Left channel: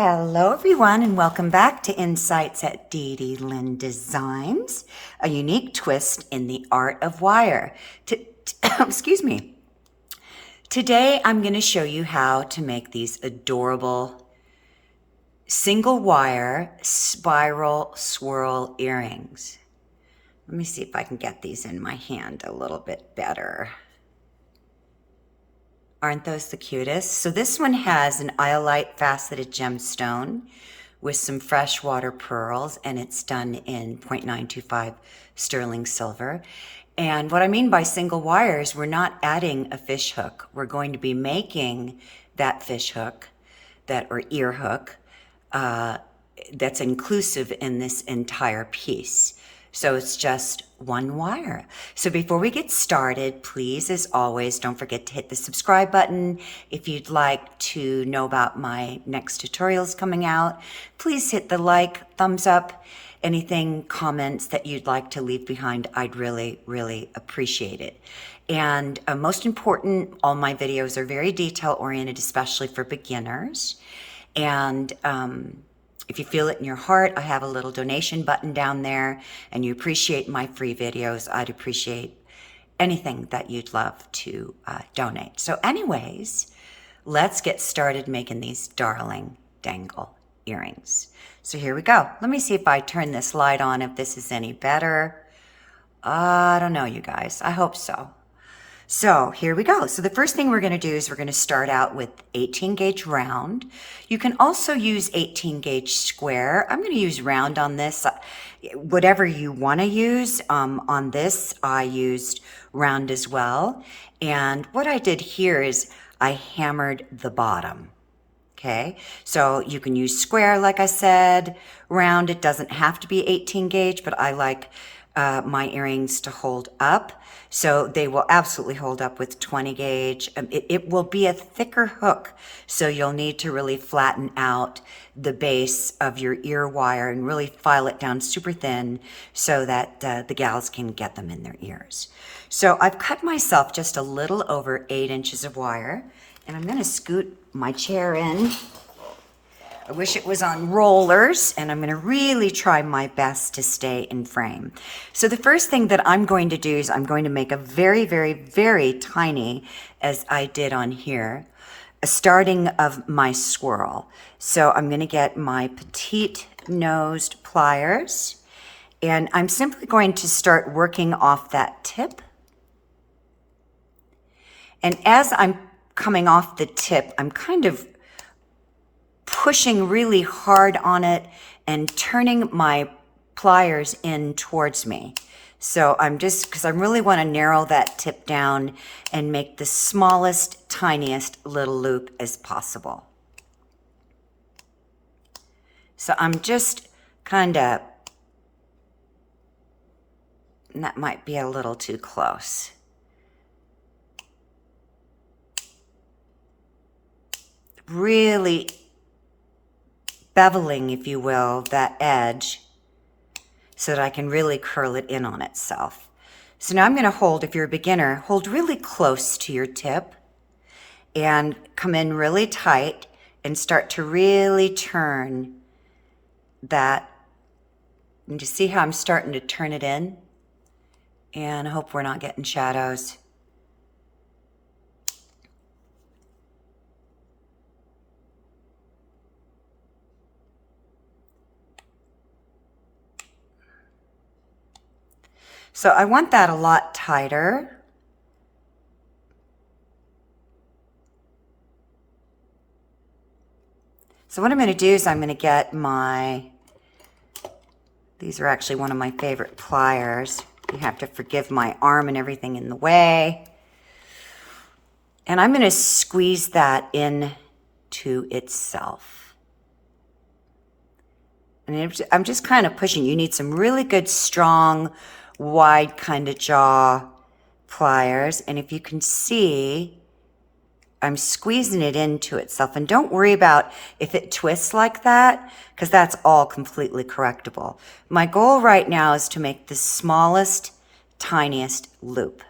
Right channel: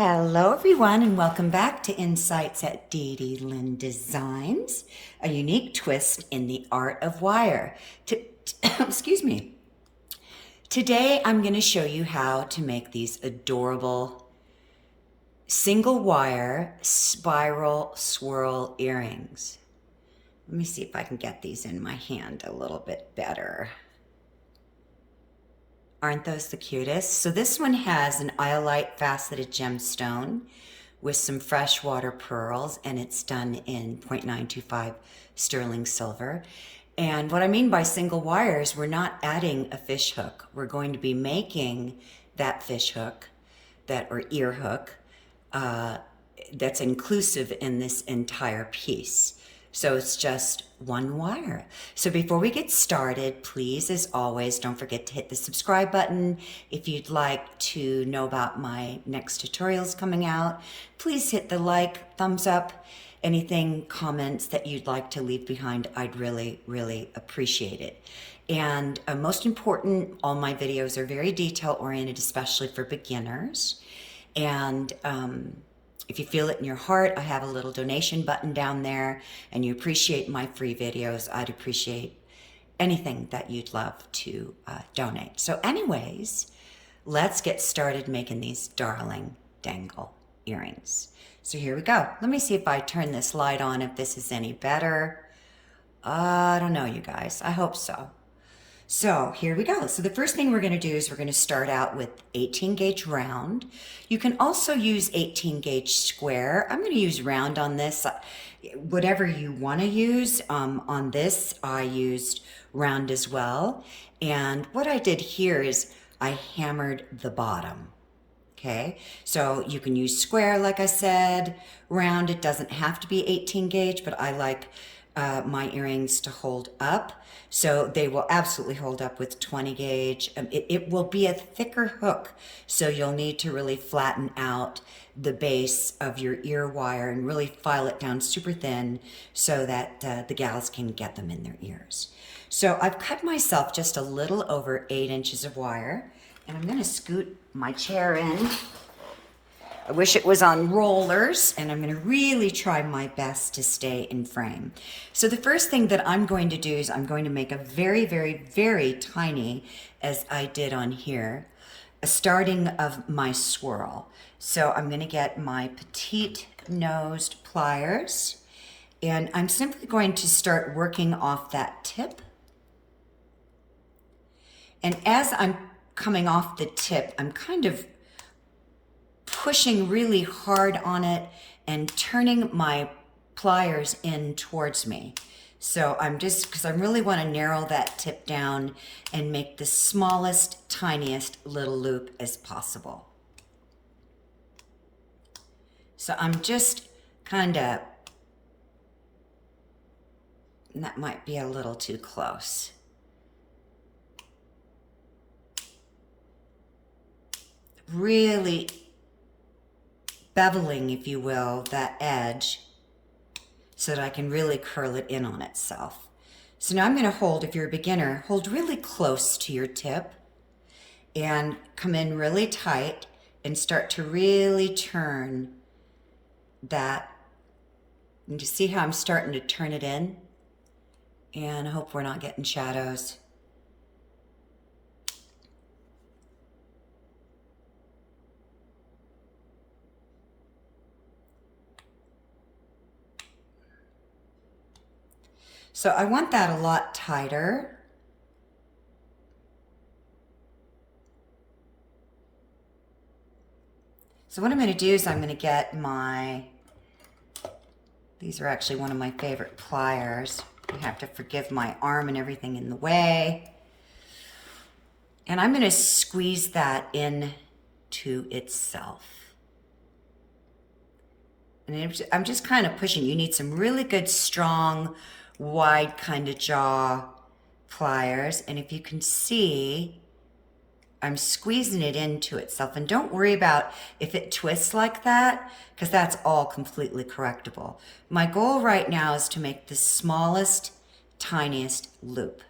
Hello everyone and welcome back to Insights at DDLynn Designs, a unique twist in the art of wire. Excuse me. Today I'm going to show you how to make these adorable single wire spiral swirl earrings. Let me see if I can get these in my hand a little bit better. Aren't those the cutest? So this one has an iolite faceted gemstone with some freshwater pearls, and it's done in 0.925 sterling silver. And what I mean by single wires, we're not adding a fish hook. We're going to be making that fish hook, or ear hook, that's inclusive in this entire piece. So it's just one wire. So before we get started, please, as always, don't forget to hit the subscribe button. If you'd like to know about my next tutorials coming out, please hit the like, thumbs up, anything, comments that you'd like to leave behind. I'd really, really appreciate it. And most important, all my videos are very detail oriented, especially for beginners. And if you feel it in your heart, I have a little donation button down there, and you appreciate my free videos, I'd appreciate anything that you'd love to donate. So anyways, let's get started making these darling dangle earrings. So here we go. Let me see if I turn this light on, if this is any better. I don't know, you guys. I hope so. So here we go. So the first thing we're going to do is we're going to start out with 18 gauge round. You can also use 18 gauge square. I'm going to use round on this. Whatever you want to use. On this, I used round as well. And what I did here is I hammered the bottom. Okay, so you can use square, like I said. Round, it doesn't have to be 18 gauge, but I like my earrings to hold up. So they will absolutely hold up with 20 gauge. It will be a thicker hook, so you'll need to really flatten out the base of your ear wire and really file it down super thin so that the gals can get them in their ears. So I've cut myself just a little over 8 inches of wire, and I'm going to scoot my chair in. I wish it was on rollers, and I'm going to really try my best to stay in frame. So the first thing that I'm going to do is I'm going to make a very, very, very tiny, as I did on here, a starting of my swirl. So I'm going to get my petite nosed pliers, and I'm simply going to start working off that tip. And as I'm coming off the tip, I'm kind of pushing really hard on it and turning my pliers in towards me. So I'm just, because I really want to narrow that tip down and make the smallest, tiniest little loop as possible. So I'm just kind of, that might be a little too close. Really beveling, if you will, that edge so that I can really curl it in on itself. So now I'm going to hold, if you're a beginner, hold really close to your tip and come in really tight and start to really turn that. And you see how I'm starting to turn it in? And I hope we're not getting shadows. So I want that a lot tighter. So what I'm going to do is I'm going to get these are actually one of my favorite pliers. You have to forgive my arm and everything in the way. And I'm going to squeeze that in to itself. And I'm just kind of pushing. You need some really good, strong, wide kind of jaw pliers, and if you can see, I'm squeezing it into itself. And don't worry about if it twists like that, because that's all completely correctable. My goal right now is to make the smallest, tiniest loop.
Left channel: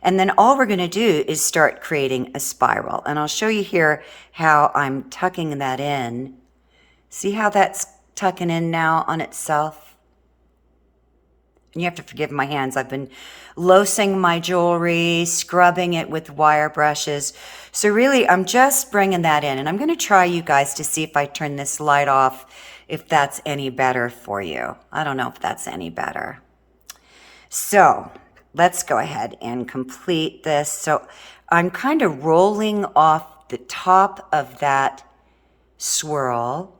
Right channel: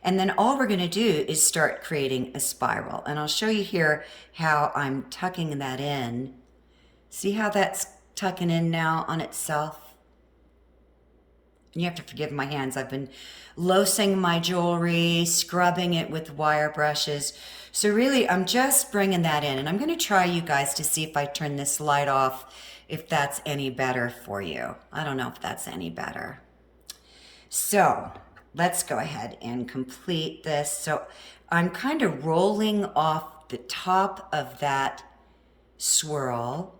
And then all we're going to do is start creating a spiral. And I'll show you here how I'm tucking that in See how that's tucking in now on itself? And you have to forgive my hands. I've been loosing my jewelry, scrubbing it with wire brushes. So really, I'm just bringing that in. And I'm going to try, you guys, to see if I turn this light off, if that's any better for you. I don't know if that's any better. So let's go ahead and complete this. So I'm kind of rolling off the top of that swirl.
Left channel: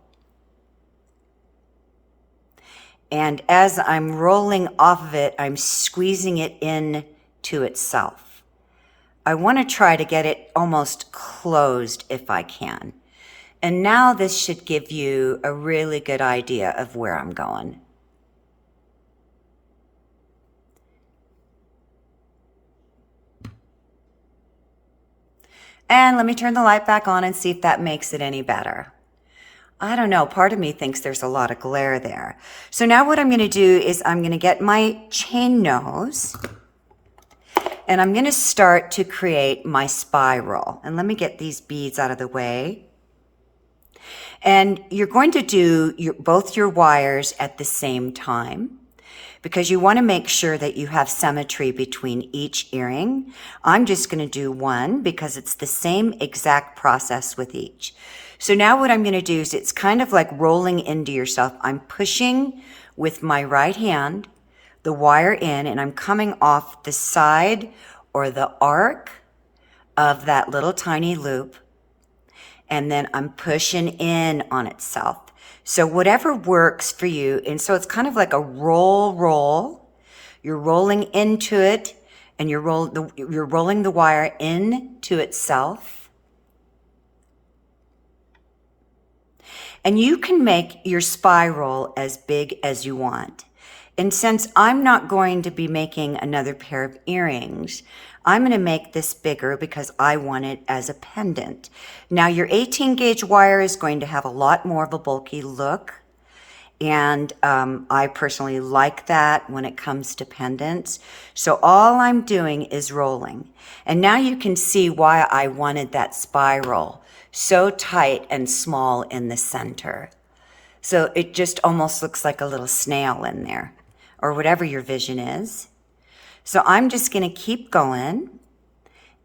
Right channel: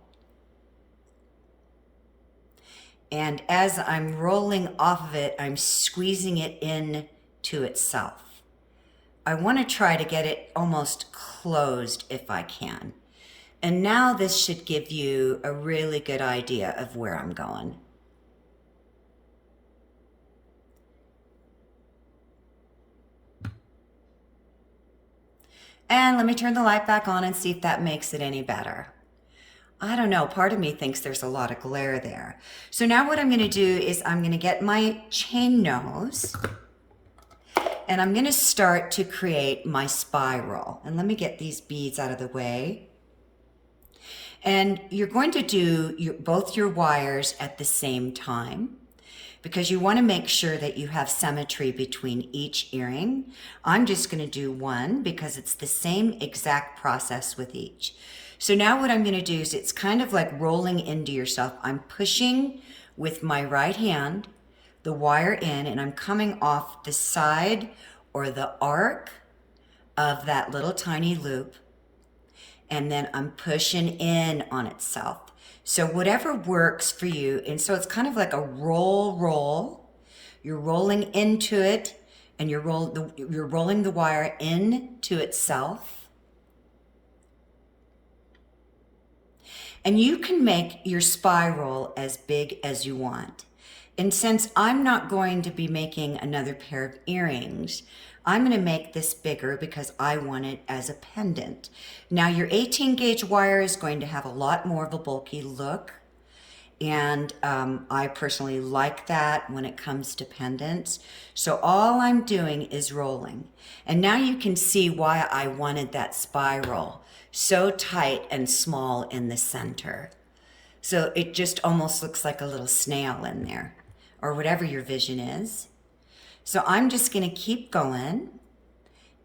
And as I'm rolling off of it, I'm squeezing it in to itself. I want to try to get it almost closed if I can. And now this should give you a really good idea of where I'm going. And let me turn the light back on and see if that makes it any better. I don't know, part of me thinks there's a lot of glare there. So now what I'm going to do is I'm going to get my chain nose and I'm going to start to create my spiral. And let me get these beads out of the way. And you're going to do both your wires at the same time, because you want to make sure that you have symmetry between each earring. I'm just going to do one because it's the same exact process with each. So now what I'm going to do is it's kind of like rolling into yourself. I'm pushing with my right hand the wire in, and I'm coming off the side or the arc of that little tiny loop, and then I'm pushing in on itself. So whatever works for you. And so it's kind of like a roll. You're rolling into it, and you're rolling the wire into itself. And you can make your spiral as big as you want. And since I'm not going to be making another pair of earrings, I'm going to make this bigger because I want it as a pendant. Now your 18 gauge wire is going to have a lot more of a bulky look. And I personally like that when it comes to pendants. So all I'm doing is rolling. And now you can see why I wanted that spiral so tight and small in the center. So it just almost looks like a little snail in there, or whatever your vision is. So I'm just going to keep going,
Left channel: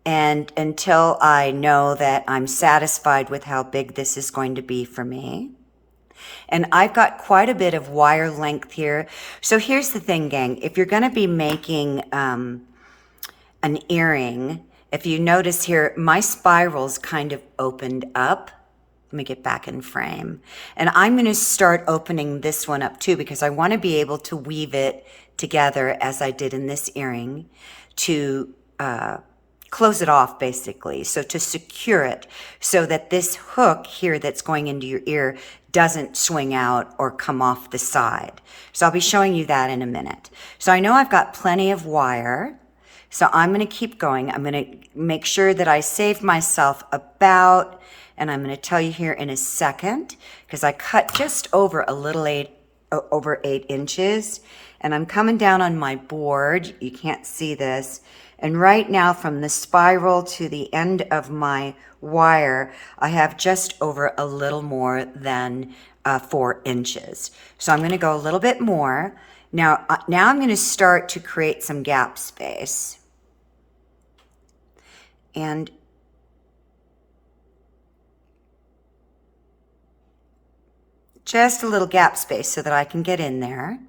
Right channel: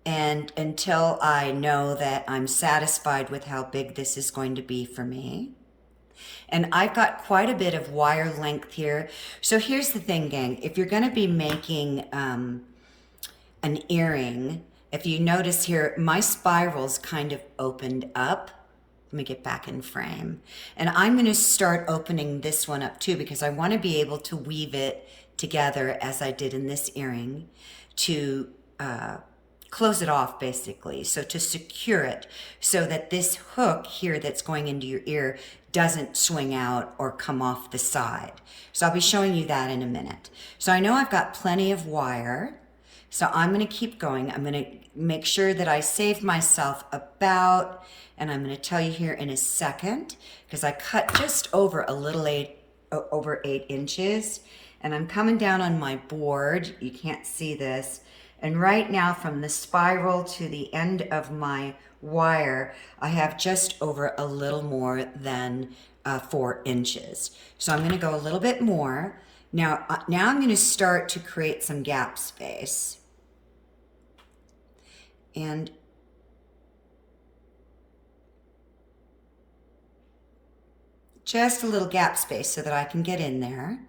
and until I know that I'm satisfied with how big this is going to be for me. And I've got quite a bit of wire length here. So here's the thing, gang. If you're going to be making an earring, if you notice here, my spiral's kind of opened up. Let me get back in frame. And I'm going to start opening this one up too, because I want to be able to weave it together as I did in this earring to close it off, basically. So to secure it so that this hook here that's going into your ear doesn't swing out or come off the side. So I'll be showing you that in a minute. So I know I've got plenty of wire. So I'm going to keep going. I'm going to make sure that I save myself about, and I'm going to tell you here in a second, because I cut just over over 8 inches, and I'm coming down on my board. You can't see this. And right now from the spiral to the end of my wire, I have just over a little more than 4 inches. So I'm going to go a little bit more. Now I'm going to start to create some gap space. And just a little gap space so that I can get in there.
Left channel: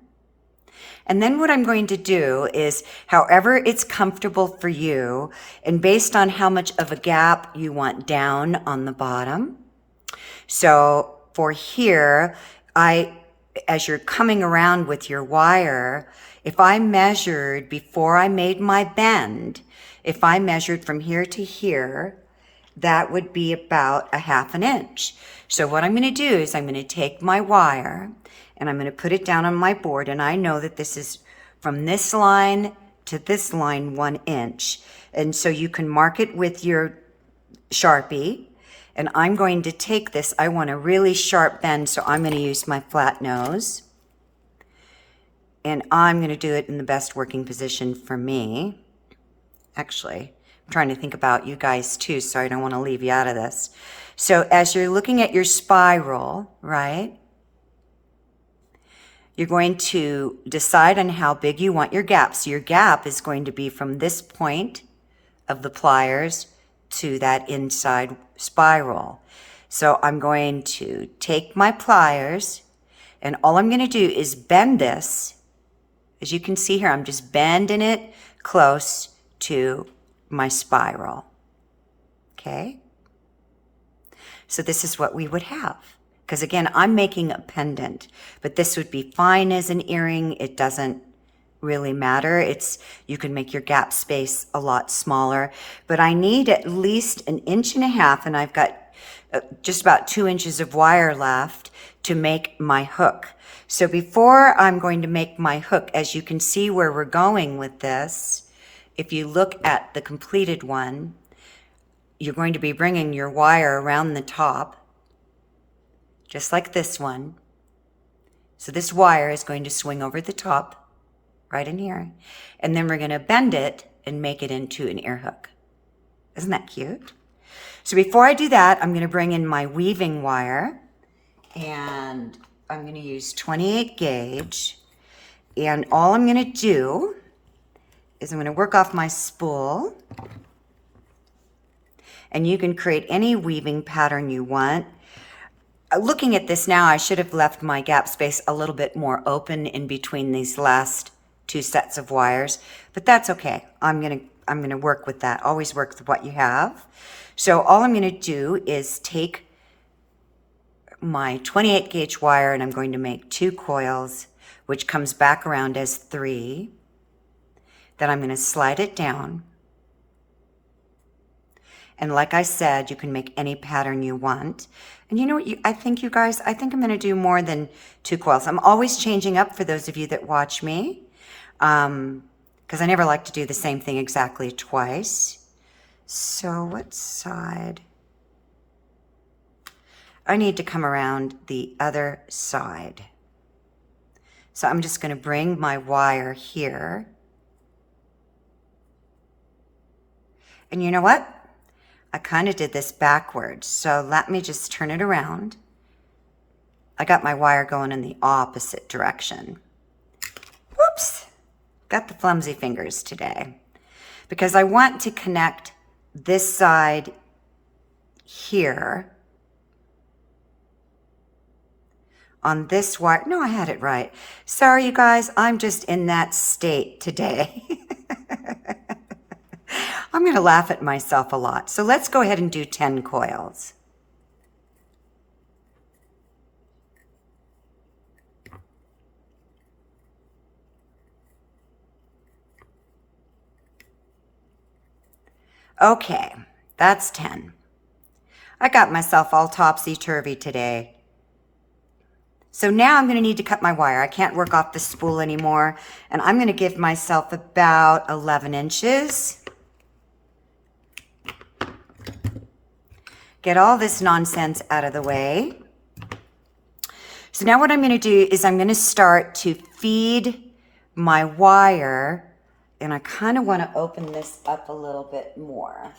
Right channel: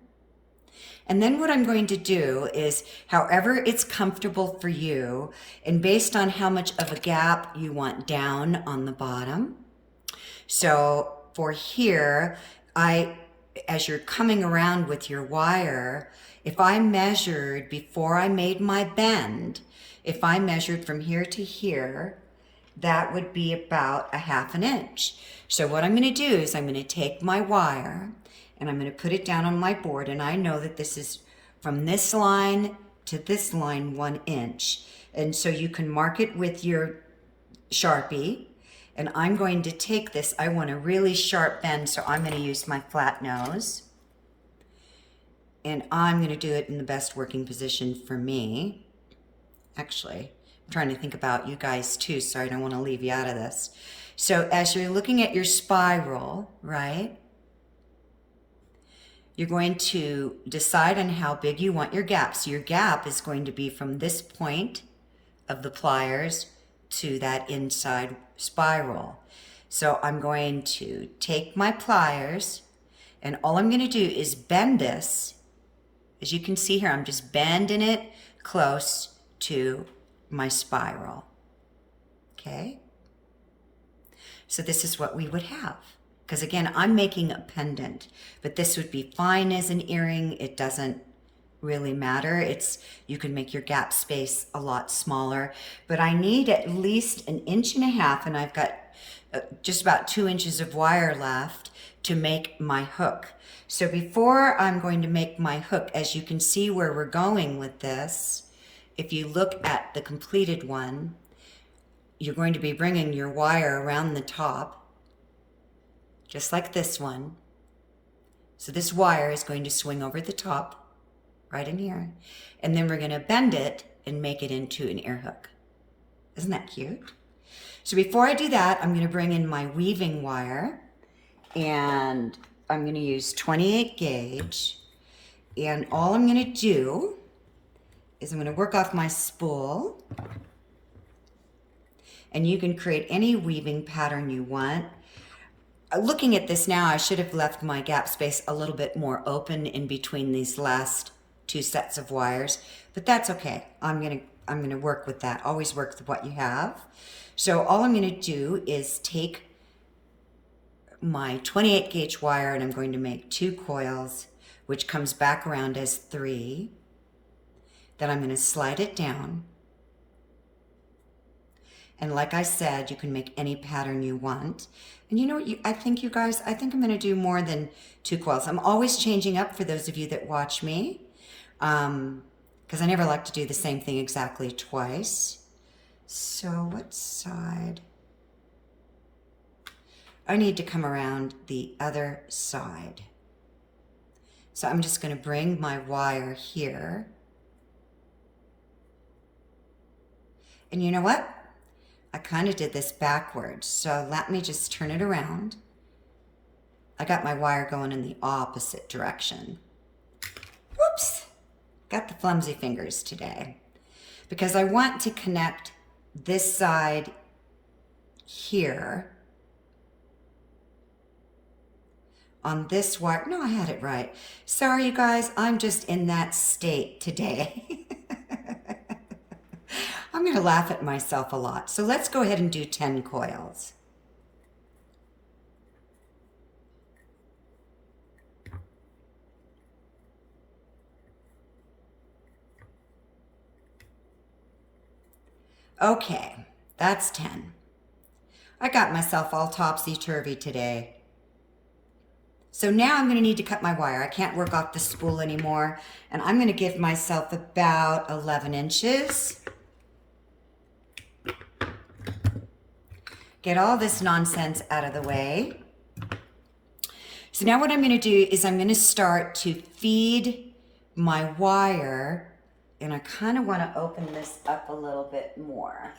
And then what I'm going to do is, however it's comfortable for you, and based on how much of a gap you want down on the bottom. So for here, as you're coming around with your wire, if I measured before I made my bend, if I measured from here to here, that would be about 1/2 inch. So what I'm going to do is I'm going to take my wire and I'm going to put it down on my board, and I know that this is from this line to this line 1 inch. And so you can mark it with your Sharpie, and I'm going to take this. I want a really sharp bend, so I'm going to use my flat nose, and I'm going to do it in the best working position for me. Actually, I'm trying to think about you guys too, so I don't want to leave you out of this. So as you're looking at your spiral, right, you're going to decide on how big you want your gap. So your gap is going to be from this point of the pliers to that inside spiral. So I'm going to take my pliers, and all I'm going to do is bend this. As you can see here, I'm just bending it close to my spiral. Okay? So this is what we would have. Because again, I'm making a pendant, but this would be fine as an earring. It doesn't really matter. You can make your gap space a lot smaller, but I need at least 1.5 inches, and I've got just about 2 inches of wire left to make my hook. So before I'm going to make my hook, as you can see where we're going with this, if you look at the completed one, you're going to be bringing your wire around the top, just like this one. So this wire is going to swing over the top, right in here, and then we're going to bend it and make it into an ear hook. Isn't that cute? So before I do that, I'm going to bring in my weaving wire, and I'm going to use 28 gauge, and all I'm going to do is I'm going to work off my spool, and you can create any weaving pattern you want. Looking at this now, I should have left my gap space a little bit more open in between these last 2 sets of wires, but that's okay. I'm gonna work with that. Always work with what you have. So all I'm gonna do is take my 28 gauge wire, and I'm going to make 2 coils, which comes back around as 3. Then I'm gonna slide it down. And like I said, you can make any pattern you want. And you know what, I think I'm going to do more than 2 coils. I'm always changing up for those of you that watch me, because I never like to do the same thing exactly twice. So what side? I need to come around the other side. So I'm just going to bring my wire here. And you know what? I kind of did this backwards, so let me just turn it around. I got my wire going in the opposite direction. Whoops! Got the clumsy fingers today. Because I want to connect this side here on this wire. No, I had it right. Sorry, you guys, I'm just in that state today. I'm going to laugh at myself a lot. So let's go ahead and do 10 coils. Okay, that's 10. I got myself all topsy-turvy today. So now I'm going to need to cut my wire. I can't work off the spool anymore, and I'm going to give myself about 11 inches. Get all this nonsense out of the way. So now what I'm going to do is I'm going to start to feed my wire, and I kind of want to open this up a little bit more.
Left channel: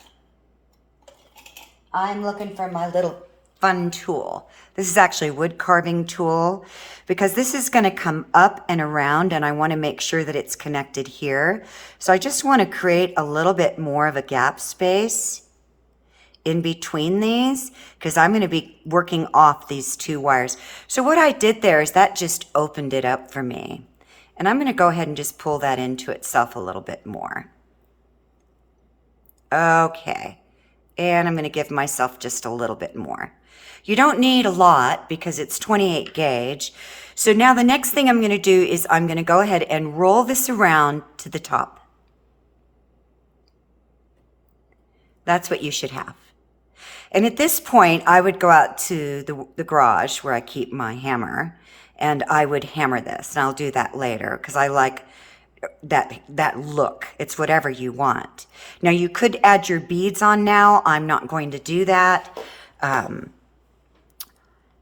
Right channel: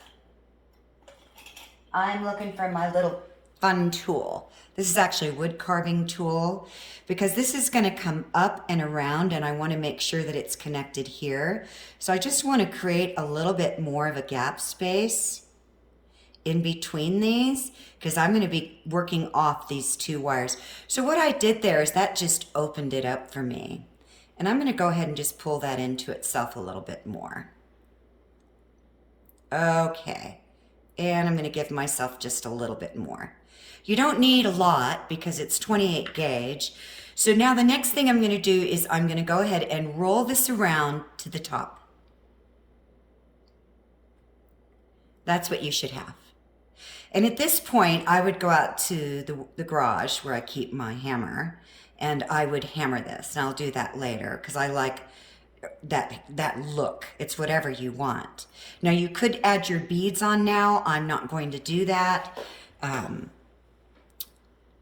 I'm looking for my little fun tool. This is actually a wood carving tool, because this is going to come up and around, and I want to make sure that it's connected here. So I just want to create a little bit more of a gap space in between these, because I'm going to be working off these 2 wires. So what I did there is that just opened it up for me. And I'm going to go ahead and just pull that into itself a little bit more. Okay. And I'm going to give myself just a little bit more. You don't need a lot because it's 28 gauge. So now the next thing I'm going to do is I'm going to go ahead and roll this around to the top. That's what you should have. And at this point, I would go out to the garage where I keep my hammer, and I would hammer this. And I'll do that later because I like that look. It's whatever you want. Now, you could add your beads on now. I'm not going to do that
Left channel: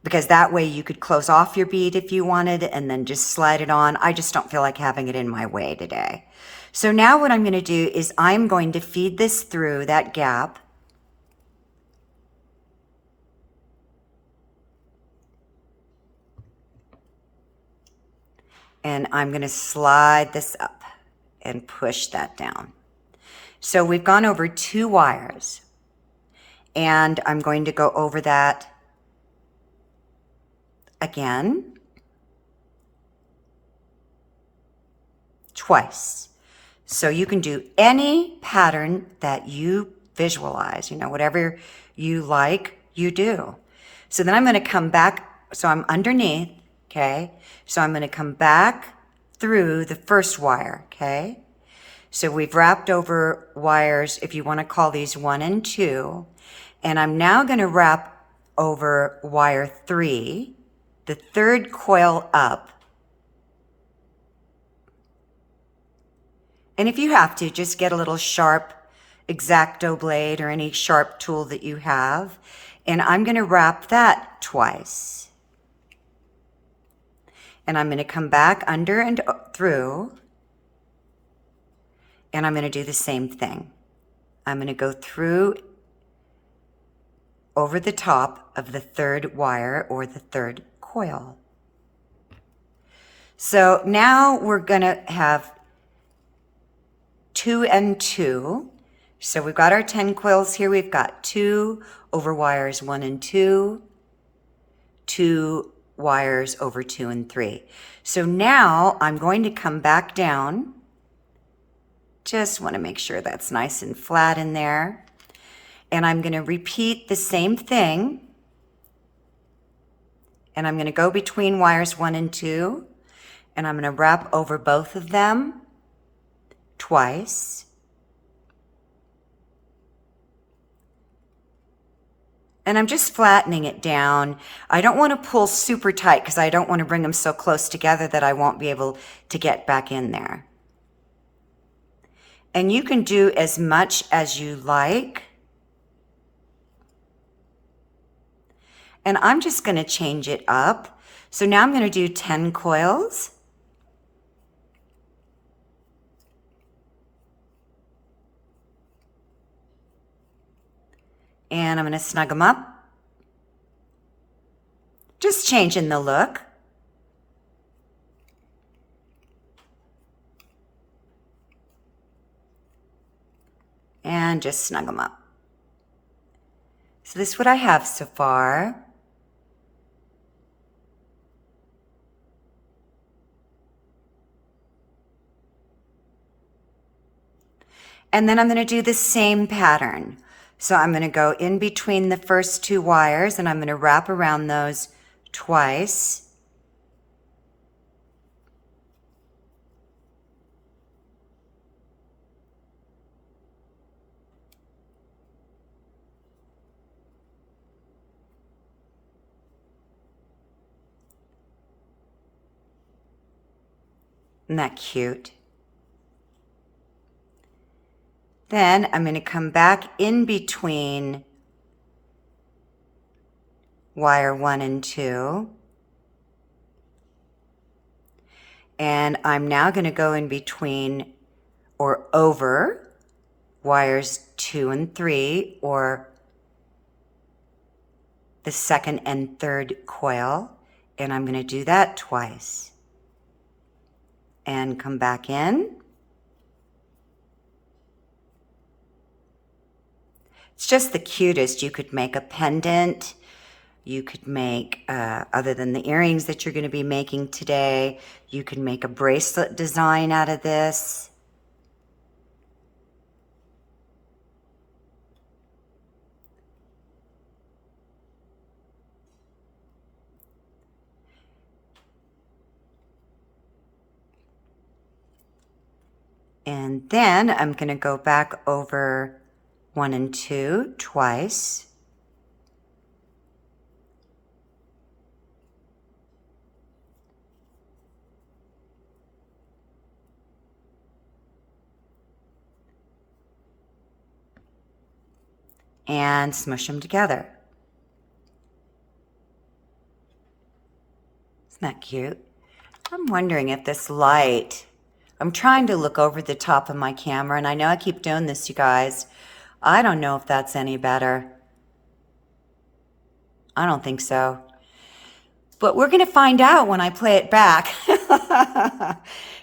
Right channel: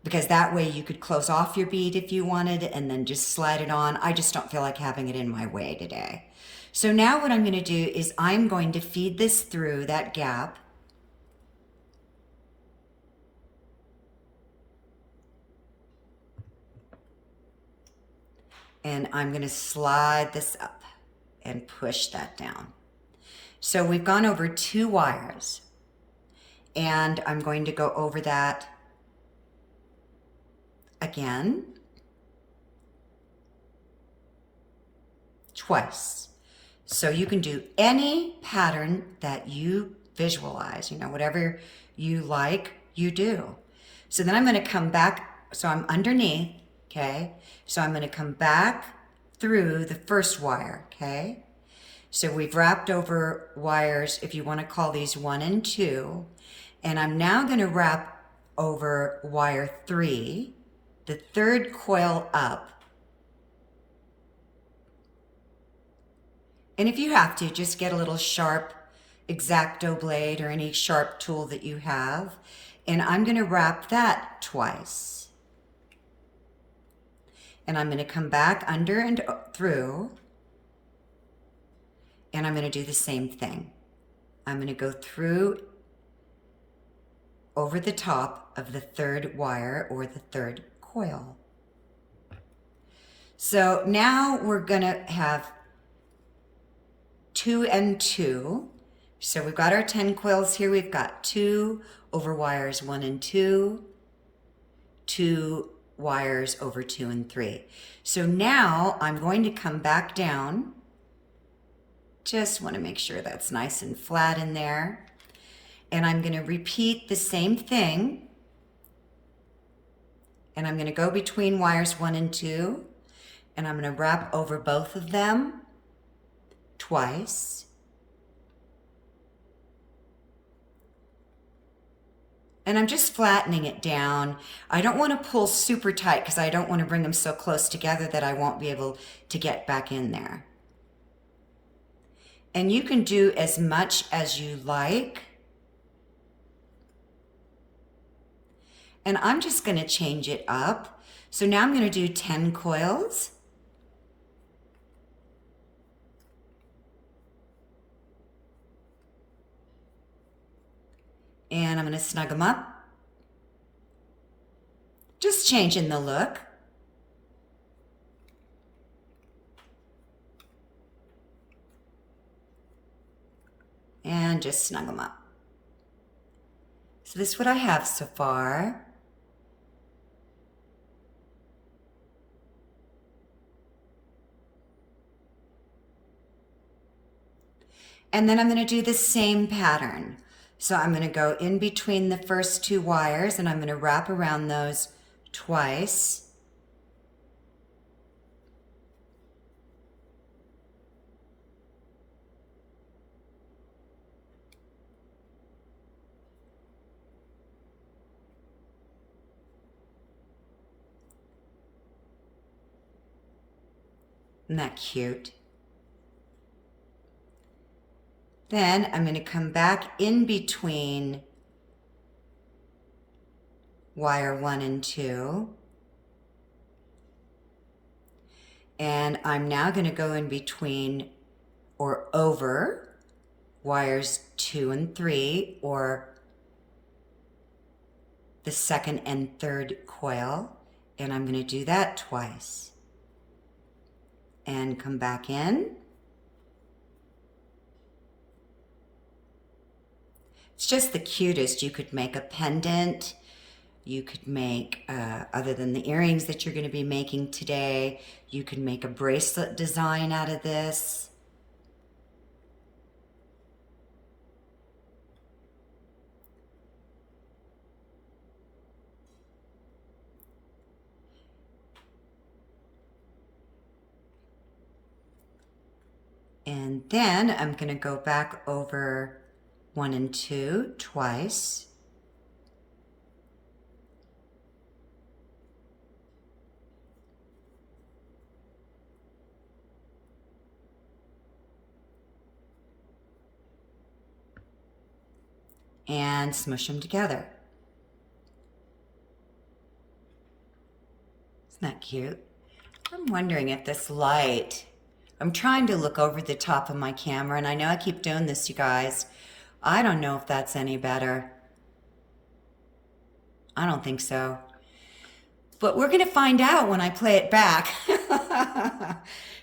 because that way you could close off your bead if you wanted and then just slide it on. I just don't feel like having it in my way today. So now what I'm going to do is I'm going to feed this through that gap. And I'm going to slide this up and push that down. So we've gone over 2 wires, and I'm going to go over that again twice. So you can do any pattern that you visualize, whatever you like, you do. So then I'm going to come back, so I'm underneath, okay? So I'm going to come back through the first wire, okay? So we've wrapped over wires, if you want to call these 1 and 2, and I'm now going to wrap over wire 3, the third coil up. And if you have to, just get a little sharp X-Acto blade or any sharp tool that you have, and I'm going to wrap that twice. And I'm going to come back under and through, and I'm going to do the same thing. I'm going to go through over the top of the third wire or the third coil. So now we're going to have 2 and 2. So we've got our 10 coils here. We've got 2 over wires 1 and 2, 2 wires over 2 and 3. So now I'm going to come back down. Just want to make sure that's nice and flat in there. And I'm going to repeat the same thing. And I'm going to go between wires 1 and 2. And I'm going to wrap over both of them twice. And I'm just flattening it down. I don't want to pull super tight because I don't want to bring them so close together that I won't be able to get back in there. And you can do as much as you like. And I'm just going to change it up. So now I'm going to do 10 coils. And I'm going to snug them up. Just changing the look. And just snug them up. So this is what I have so far. And then I'm going to do the same pattern. So I'm going to go in between the first 2 wires and I'm going to wrap around those twice. Isn't that cute? Then I'm going to come back in between wire 1 and 2. And I'm now going to go in between or over wires 2 and 3, or the second and third coil. And I'm going to do that twice. And come back in. It's just the cutest. You could make a pendant. You could make, other than the earrings that you're going to be making today, you could make a bracelet design out of this. And then I'm going to go back over 1 and 2 twice. And smush them together. Isn't that cute? I'm wondering if this light, I'm trying to look over the top of my camera, and I know I keep doing this, you guys. I don't know if that's any better. I don't think so. But we're going to find out when I play it back.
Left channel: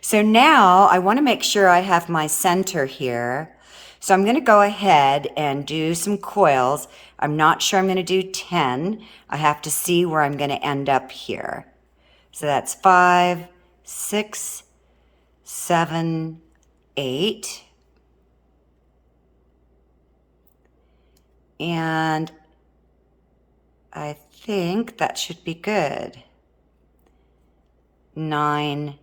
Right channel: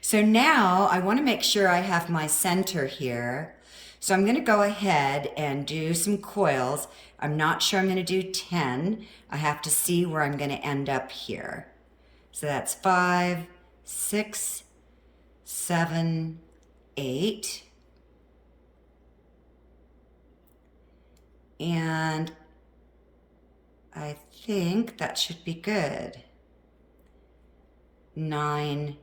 So now I want to make sure I have my center here. So I'm going to go ahead and do some coils. I'm not sure I'm going to do 10. I have to see where I'm going to end up here. So that's 5, 6, 7, 8. And I think that should be good. 9,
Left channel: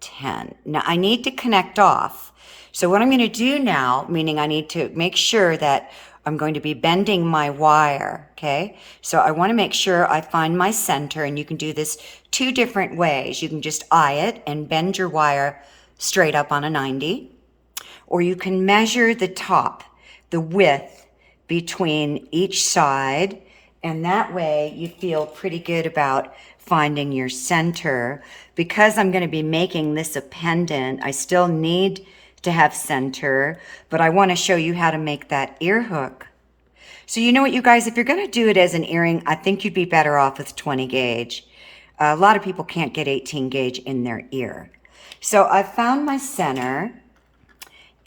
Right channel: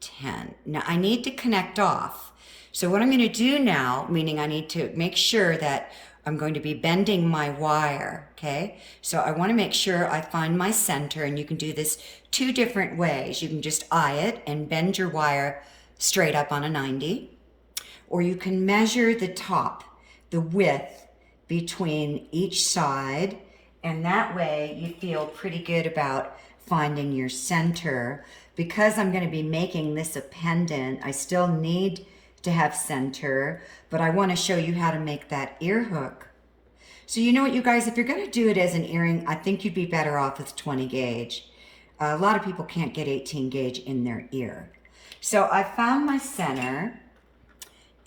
10. Now I need to connect off. So what I'm going to do now, meaning I need to make sure that I'm going to be bending my wire, okay? So I want to make sure I find my center, and you can do this 2 different ways. You can just eye it and bend your wire straight up on a 90, or you can measure the top, the width between each side, and that way you feel pretty good about finding your center. Because I'm going to be making this a pendant, I still need to have center, but I want to show you how to make that ear hook. So you know what, you guys, if you're going to do it as an earring, I think you'd be better off with 20 gauge. A lot of people can't get 18 gauge in their ear. So I found my center,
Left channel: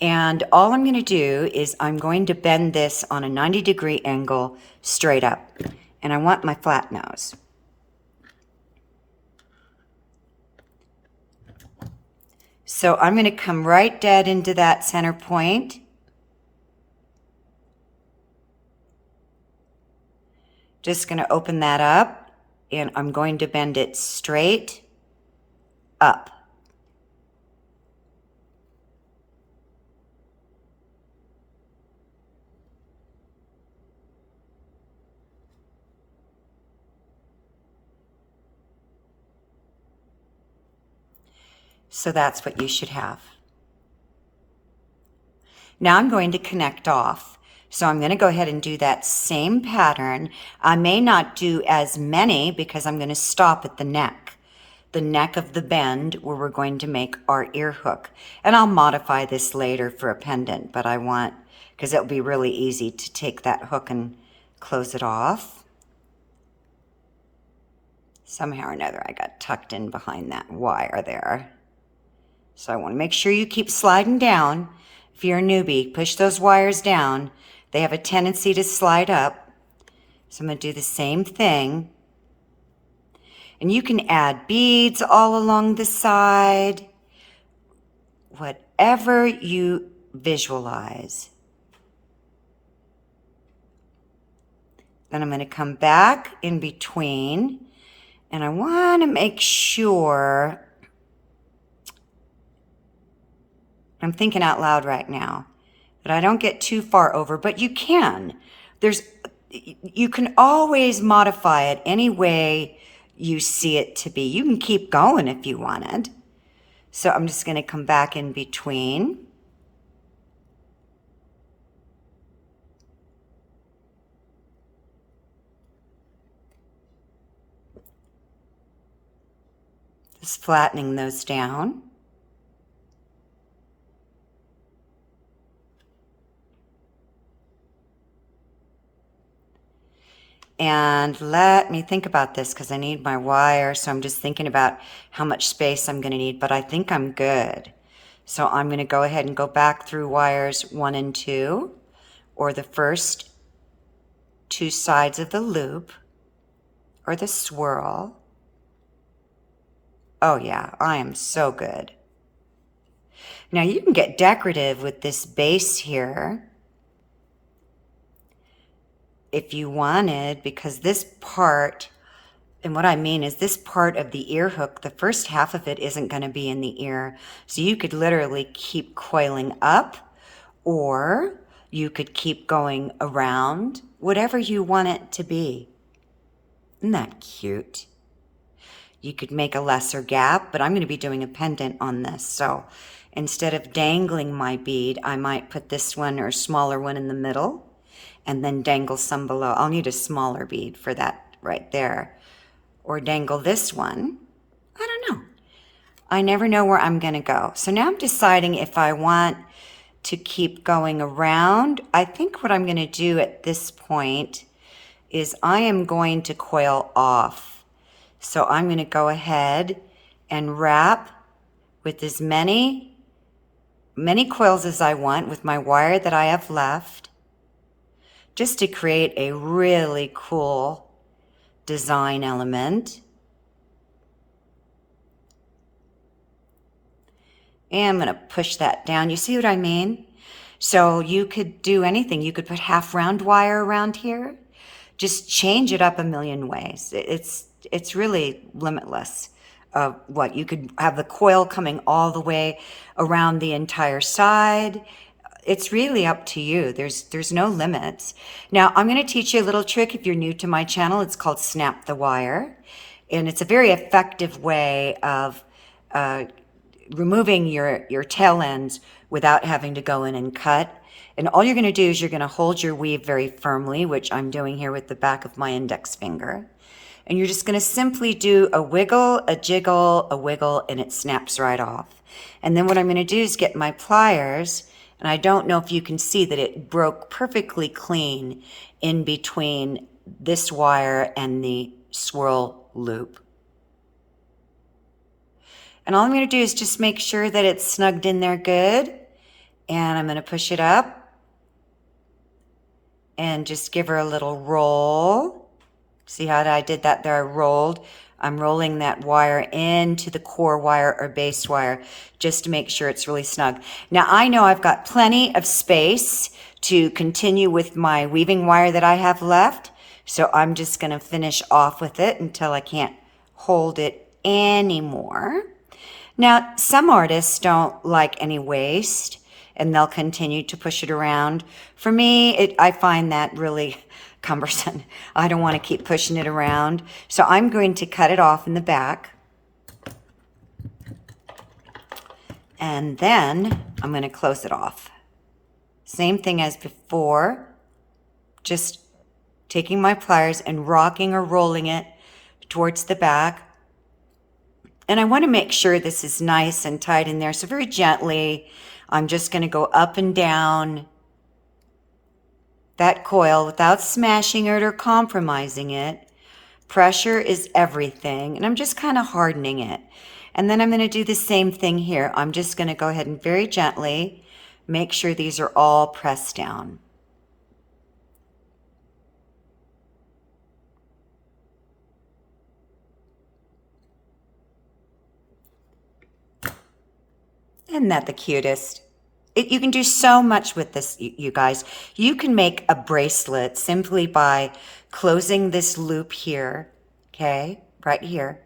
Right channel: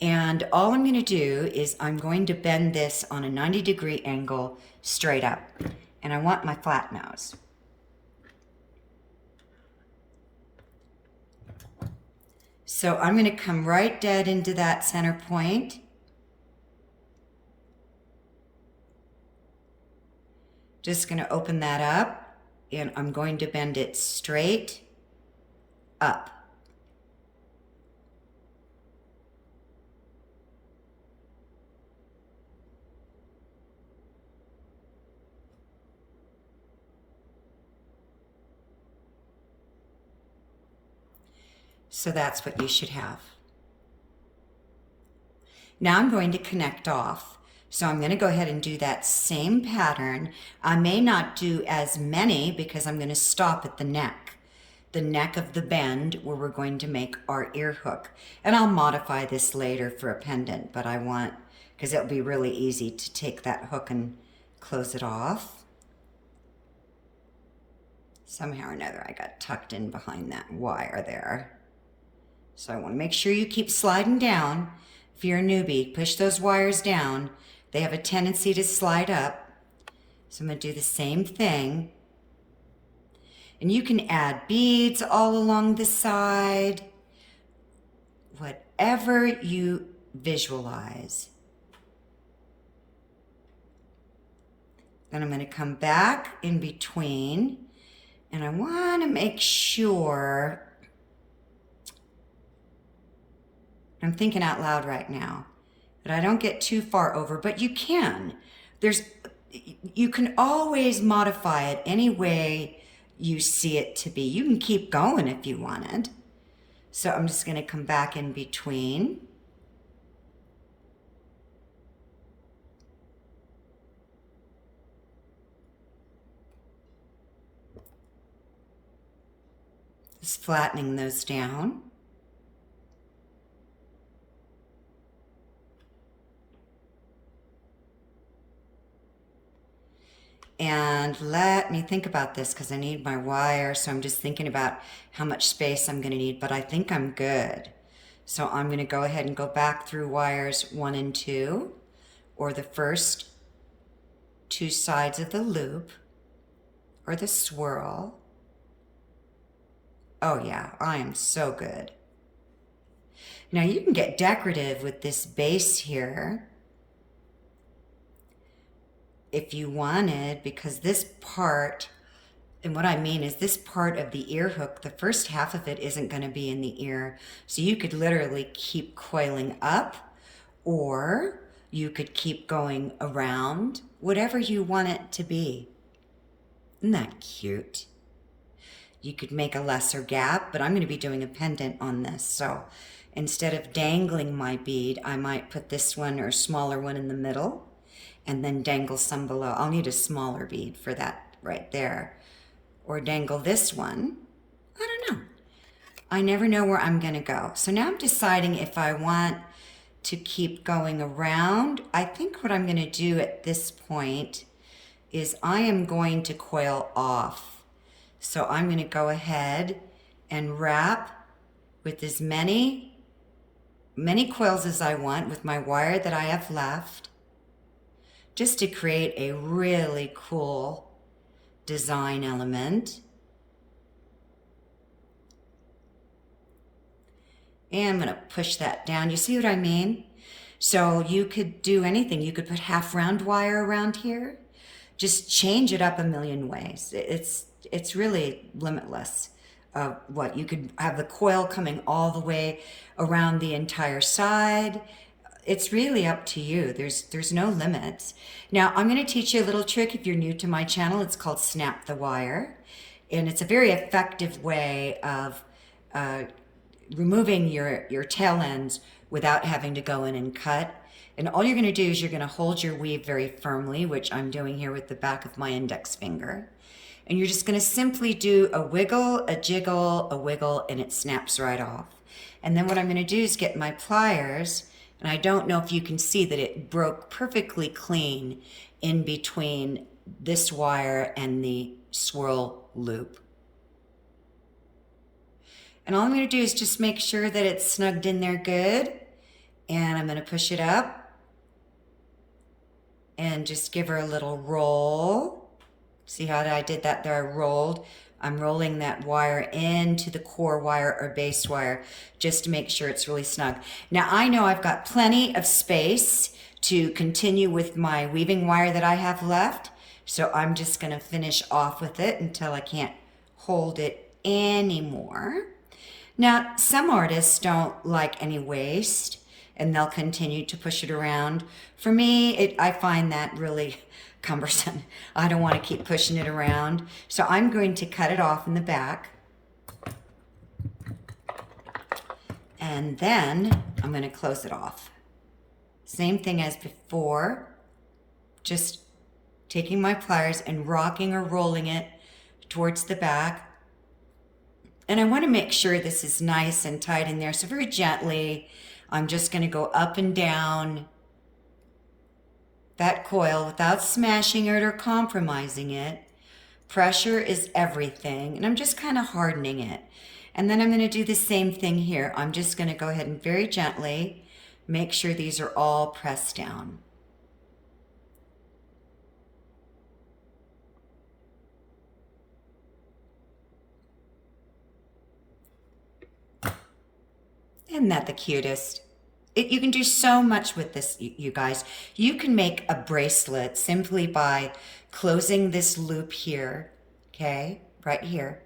and all I'm going to do is I'm going to bend this on a 90-degree angle straight up. And I want my flat nose. So I'm going to come right dead into that center point. Just going to open that up, and I'm going to bend it straight up. So that's what you should have. Now I'm going to connect off. So I'm going to go ahead and do that same pattern. I may not do as many because I'm going to stop at the neck of the bend where we're going to make our ear hook. And I'll modify this later for a pendant, but I want, because it'll be really easy to take that hook and close it off. Somehow or another I got tucked in behind that wire there. So I want to make sure you keep sliding down. If you're a newbie, push those wires down. They have a tendency to slide up. So I'm going to do the same thing. And you can add beads all along the side. Whatever you visualize. Then I'm going to come back in between. And I want to make sure, I'm thinking out loud right now, that I don't get too far over, but you can. You can always modify it any way you see it to be. You can keep going if you wanted. So I'm just going to come back in between. Just flattening those down. And let me think about this because I need my wire. So I'm just thinking about how much space I'm going to need, but I think I'm good. So I'm going to go ahead and go back through wires 1 and 2, or the first 2 sides of the loop, or the swirl. Oh yeah, I am so good. Now you can get decorative with this base here if you wanted, because this part, and what I mean is this part of the ear hook, the first half of it isn't going to be in the ear. So you could literally keep coiling up, or you could keep going around, whatever you want it to be. Isn't that cute? You could make a lesser gap, but I'm going to be doing a pendant on this. So instead of dangling my bead, I might put this one or a smaller one in the middle and then dangle some below. I'll need a smaller bead for that right there. Or dangle this one. I don't know. I never know where I'm going to go. So now I'm deciding if I want to keep going around. I think what I'm going to do at this point is I am going to coil off. So I'm going to go ahead and wrap with as many coils as I want with my wire that I have left, just to create a really cool design element. And I'm going to push that down. You see what I mean? So you could do anything. You could put half round wire around here. Just change it up a million ways. It's really limitless. What you could have the coil coming all the way around the entire side. It's really up to you. There's no limits. Now I'm going to teach you a little trick if you're new to my channel. It's called snap the wire, and it's a very effective way of removing your tail ends without having to go in and cut. And all you're going to do is you're going to hold your weave very firmly, which I'm doing here with the back of my index finger. And you're just going to simply do a wiggle, a jiggle, a wiggle, and it snaps right off. And then what I'm going to do is get my pliers, and I don't know if you can see that it broke perfectly clean in between this wire and the swirl loop. And all I'm going to do is just make sure that it's snugged in there good. And I'm going to push it up and just give her a little roll. See how I did that there? I rolled. I'm rolling that wire into the core wire or base wire just to make sure it's really snug. Now I know I've got plenty of space to continue with my weaving wire that I have left. So I'm just going to finish off with it until I can't hold it anymore. Now, some artists don't like any waste, and they'll continue to push it around. For me, I find that really cumbersome. I don't want to keep pushing it around. So I'm going to cut it off in the back. And then I'm going to close it off. Same thing as before. Just taking my pliers and rocking or rolling it towards the back. And I want to make sure this is nice and tight in there. So very gently, I'm just going to go up and down that coil without smashing it or compromising it. Pressure is everything. And I'm just kind of hardening it. And then I'm going to do the same thing here. I'm just going to go ahead and very gently make sure these are all pressed down. Isn't that the cutest? You can do so much with this, you guys. You can make a bracelet simply by closing this loop here, okay, right here.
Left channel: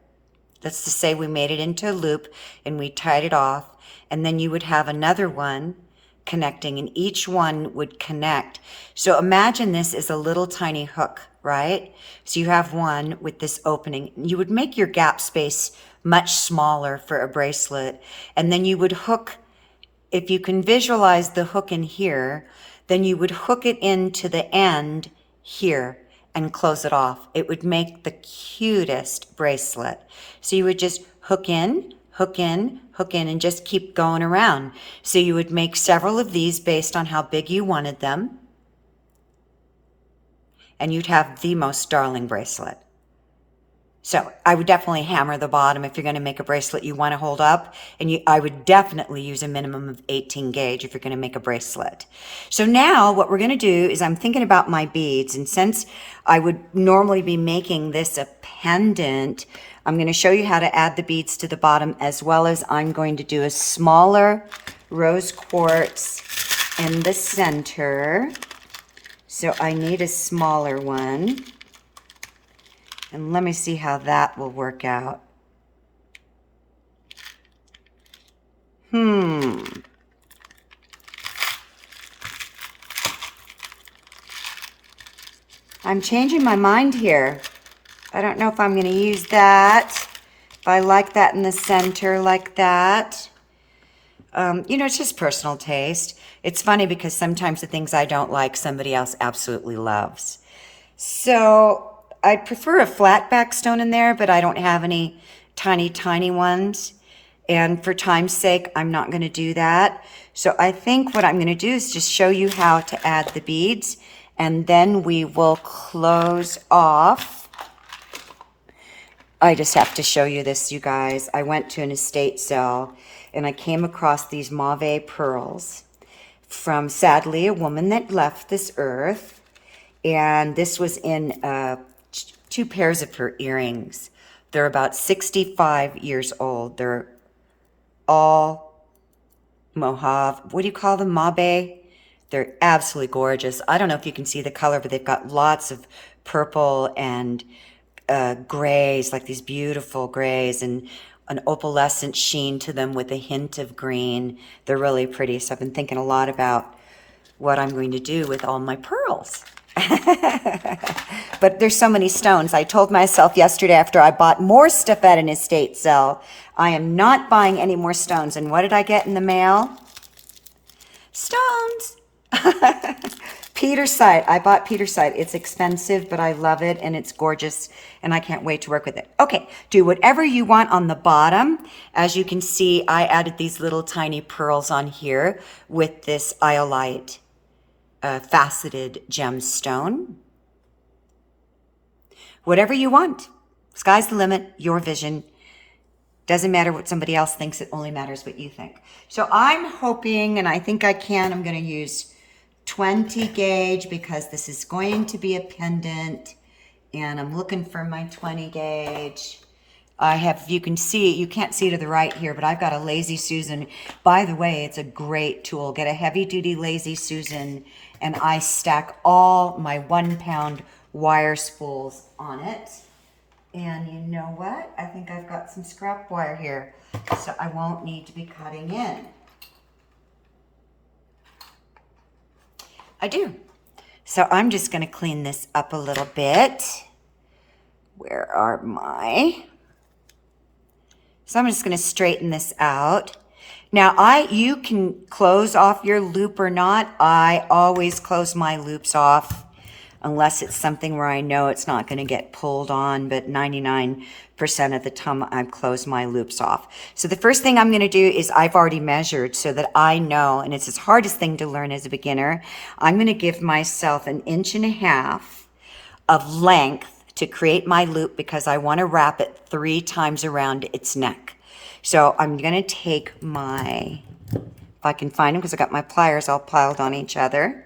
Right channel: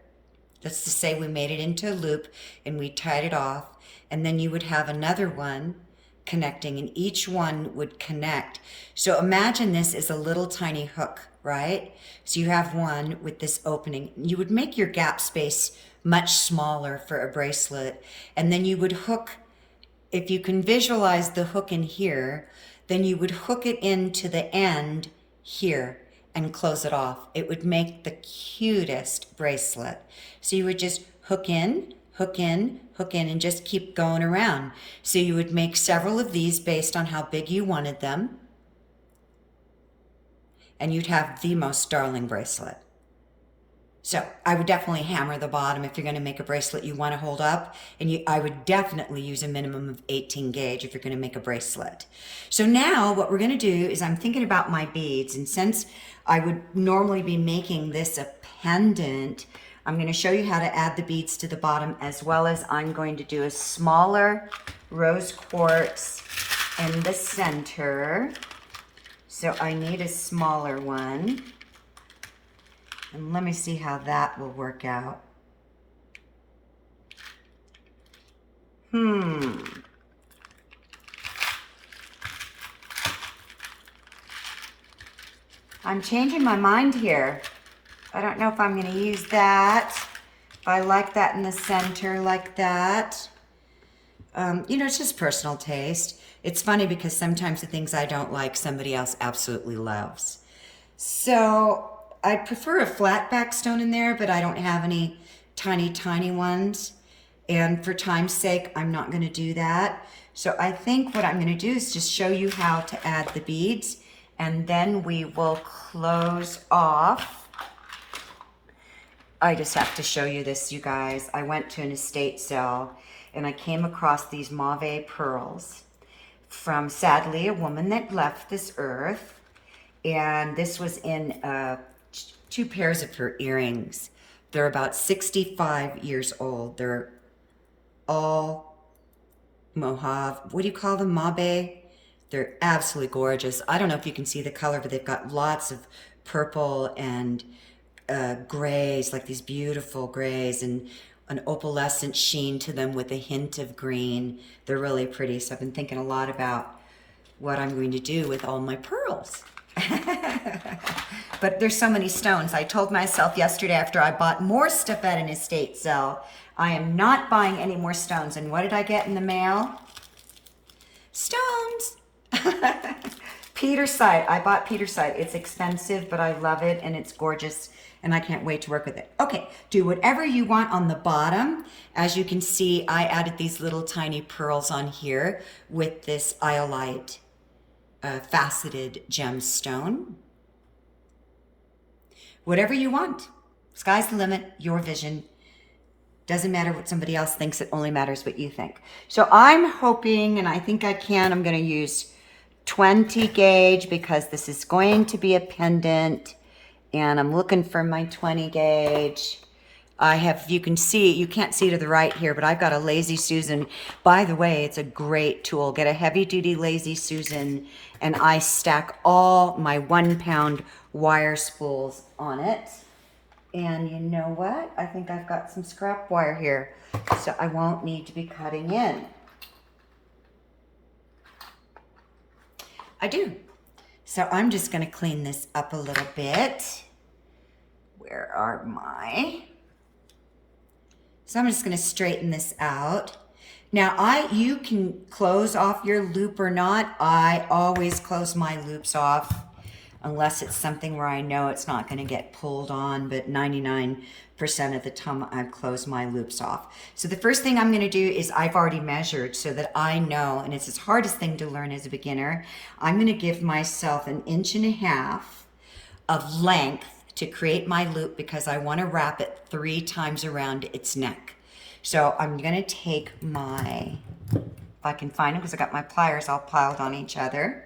Let's just say we made it into a loop and we tied it off, and then you would have another one connecting, and each one would connect. So imagine this is a little tiny hook, right? So you have one with this opening. You would make your gap space much smaller for a bracelet, and then you would hook, if you can visualize the hook in here, then you would hook it into the end here and close it off. It would make the cutest bracelet. So you would just hook in, hook in, hook in, and just keep going around. So you would make several of these based on how big you wanted them, and you'd have the most darling bracelet. So I would definitely hammer the bottom if you're going to make a bracelet you want to hold up. And I would definitely use a minimum of 18 gauge if you're going to make a bracelet. So now what we're going to do is I'm thinking about my beads. And since I would normally be making this a pendant, I'm going to show you how to add the beads to the bottom, as well as I'm going to do a smaller rose quartz in the center. So I need a smaller one. And let me see how that will work out. I'm changing my mind here. I don't know if I'm going to use that. If I like that in the center like that. You know, it's just personal taste. It's funny because sometimes the things I don't like, somebody else absolutely loves. So I'd prefer a flat back stone in there, but I don't have any tiny ones. And for time's sake, I'm not going to do that. So I think what I'm going to do is just show you how to add the beads, and then we will close off I just have to show you this, you guys. I went to an estate sale and I came across these mauve pearls from, sadly, a woman that left this earth. And this was in 2 pairs of her earrings. They're about 65 years old. They're all mauve. What do you call them? Mauve? They're absolutely gorgeous. I don't know if you can see the color, but they've got lots of purple and grays, like these beautiful grays, and an opalescent sheen to them with a hint of green. They're really pretty. So I've been thinking a lot about what I'm going to do with all my pearls. But there's so many stones. I told myself yesterday after I bought more stuff at an estate sale, I am not buying any more stones. And what did I get in the mail? Stones. Petersite. I bought Petersite. It's expensive, but I love it and it's gorgeous and I can't wait to work with it. Okay, do whatever you want on the bottom. As you can see, I added these little tiny pearls on here with this iolite faceted gemstone. Whatever you want. Sky's the limit, your vision. Doesn't matter what somebody else thinks, it only matters what you think. So I'm hoping, and I think I can, I'm going to use 20 gauge because this is going to be a pendant. And I'm looking for my 20 gauge. I have, you can see, you can't see to the right here, but I've got a Lazy Susan. By the way, it's a great tool. Get a heavy duty Lazy Susan and I stack all my 1 pound wire spools on it. And you know what? I think I've got some scrap wire here, so I won't need to be cutting in. I do. So I'm just going to clean this up a little bit. Where are my... So I'm just going to straighten this out. Now, you can close off your loop or not. I always close my loops off unless it's something where I know it's not going to get pulled on, but 99% of the time I close my loops off. So the first thing I'm going to do is I've already measured so that I know, and it's the hardest thing to learn as a beginner, I'm going to give myself 1.5 inches of length to create my loop because I want to wrap it 3 times around its neck. So I'm going to take my, if I can find them because I got my pliers all piled on each other.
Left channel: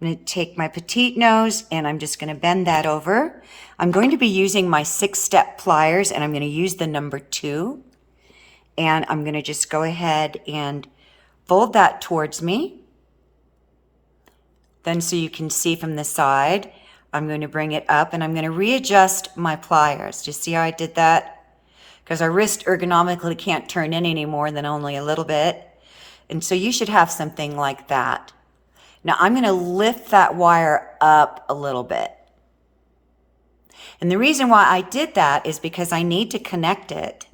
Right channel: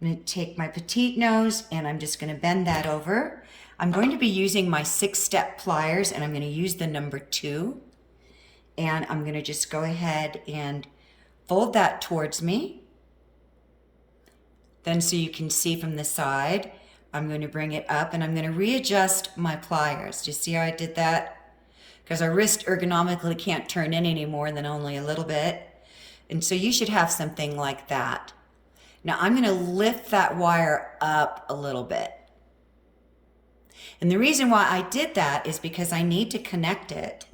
I'm going to take my petite nose and I'm just going to bend that over. I'm going to be using my 6-step pliers and I'm going to use the number 2. And I'm going to just go ahead and fold that towards me. Then so you can see from the side, I'm going to bring it up and I'm going to readjust my pliers. Do you see how I did that? Because our wrist ergonomically can't turn in any more than only a little bit. And so you should have something like that. Now I'm going to lift that wire up a little bit. And the reason why I did that is because I need to connect it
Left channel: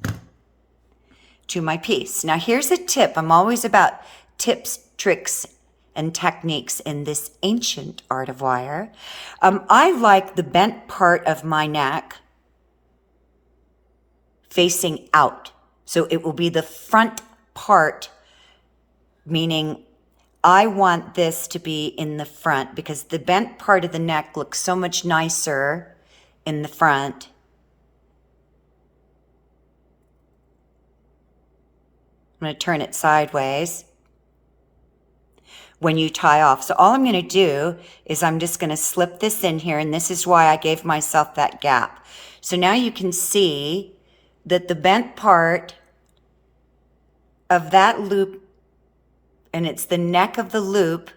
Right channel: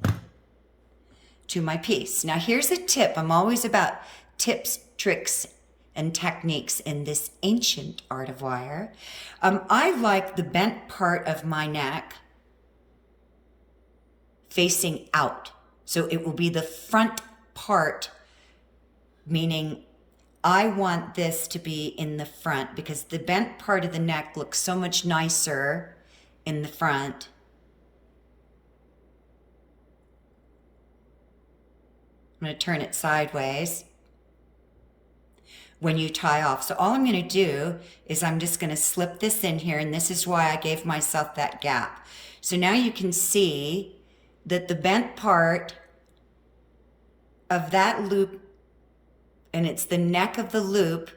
to my piece. Now here's a tip. I'm always about tips, tricks, and techniques in this ancient art of wire. I like the bent part of my neck facing out. So it will be the front part, meaning I want this to be in the front because the bent part of the neck looks so much nicer in the front. I'm going to turn it sideways when you tie off. So all I'm going to do is I'm just going to slip this in here, and this is why I gave myself that gap. So now you can see that the bent part of that loop, and it's the neck of the loop,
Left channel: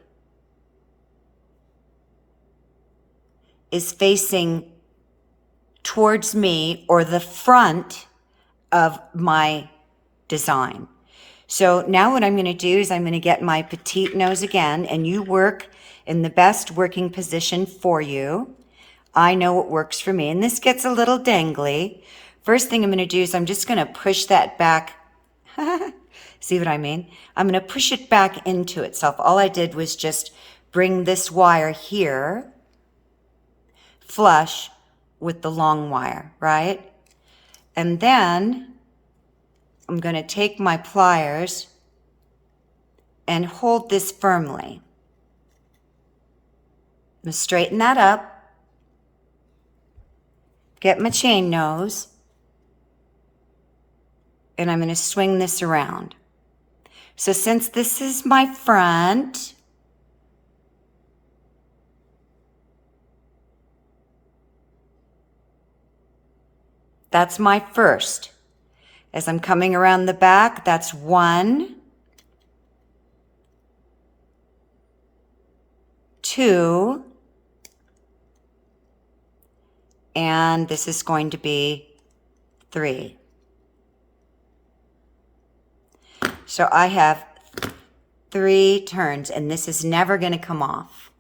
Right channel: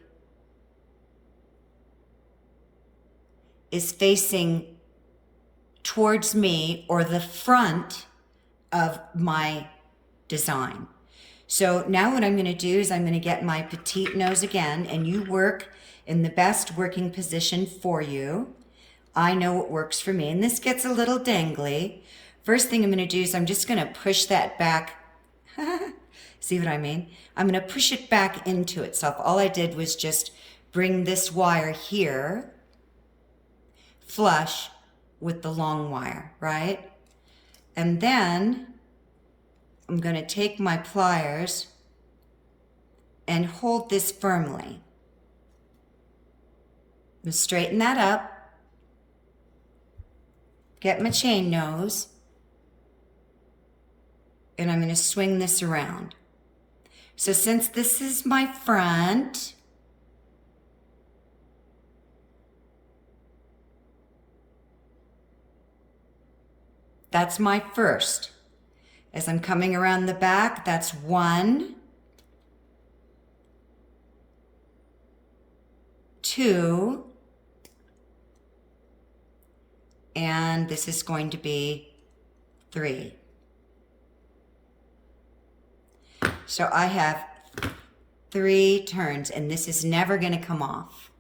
is facing towards me or the front of my design. So now what I'm going to do is I'm going to get my petite nose again, and you work in the best working position for you. I know what works for me, and this gets a little dangly. First thing I'm going to do is I'm just going to push that back. See what I mean? I'm going to push it back into itself. All I did was just bring this wire here flush with the long wire, right? And then I'm going to take my pliers and hold this firmly. I'm going to straighten that up. get my chain nose, and I'm going to swing this around. So since this is my front, that's my first. As I'm coming around the back, that's 1, 2, and this is going to be 3. So I have 3 turns, and this is never going to come off.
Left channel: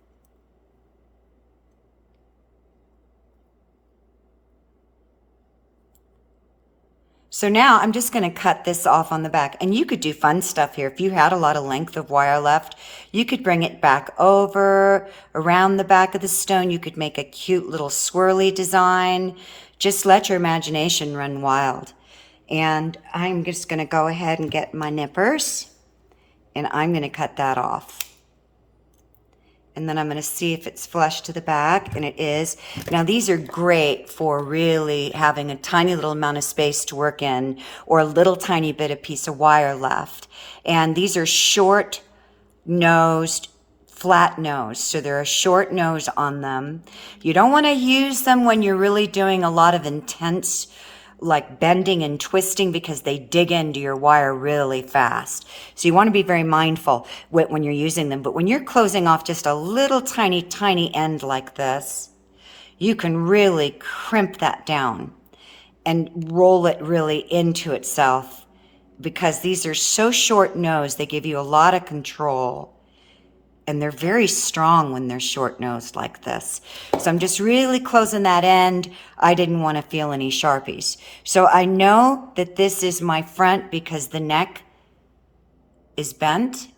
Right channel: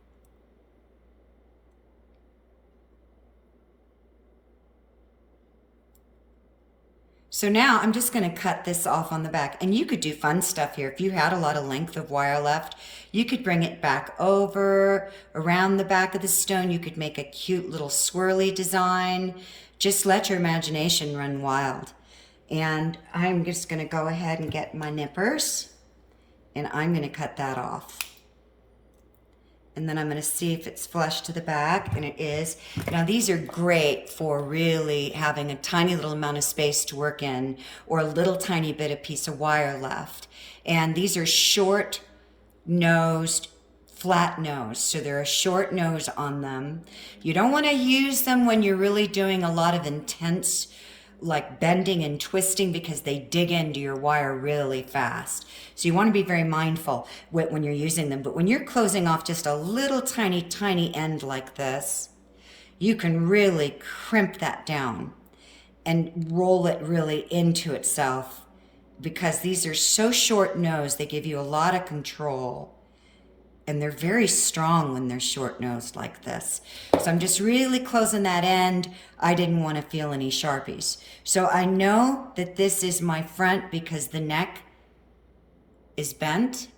So now I'm just going to cut this off on the back, and you could do fun stuff here. If you had a lot of length of wire left, you could bring it back over around the back of the stone. You could make a cute little swirly design. Just let your imagination run wild. And I'm just going to go ahead and get my nippers, and I'm going to cut that off. And then I'm going to see if it's flush to the back, and it is. Now these are great for really having a tiny little amount of space to work in, or a little tiny bit of piece of wire left. And these are short nosed, flat nose, so they're a short nose on them. You don't want to use them when you're really doing a lot of intense like bending and twisting, because they dig into your wire really fast. So you want to be very mindful when you're using them. But when you're closing off just a little tiny end like this, you can really crimp that down and roll it really into itself, because these are so short nosed, they give you a lot of control. And they're very strong when they're short nosed like this. So I'm just really closing that end. I didn't want to feel any Sharpies. So I know that this is my front because the neck is bent.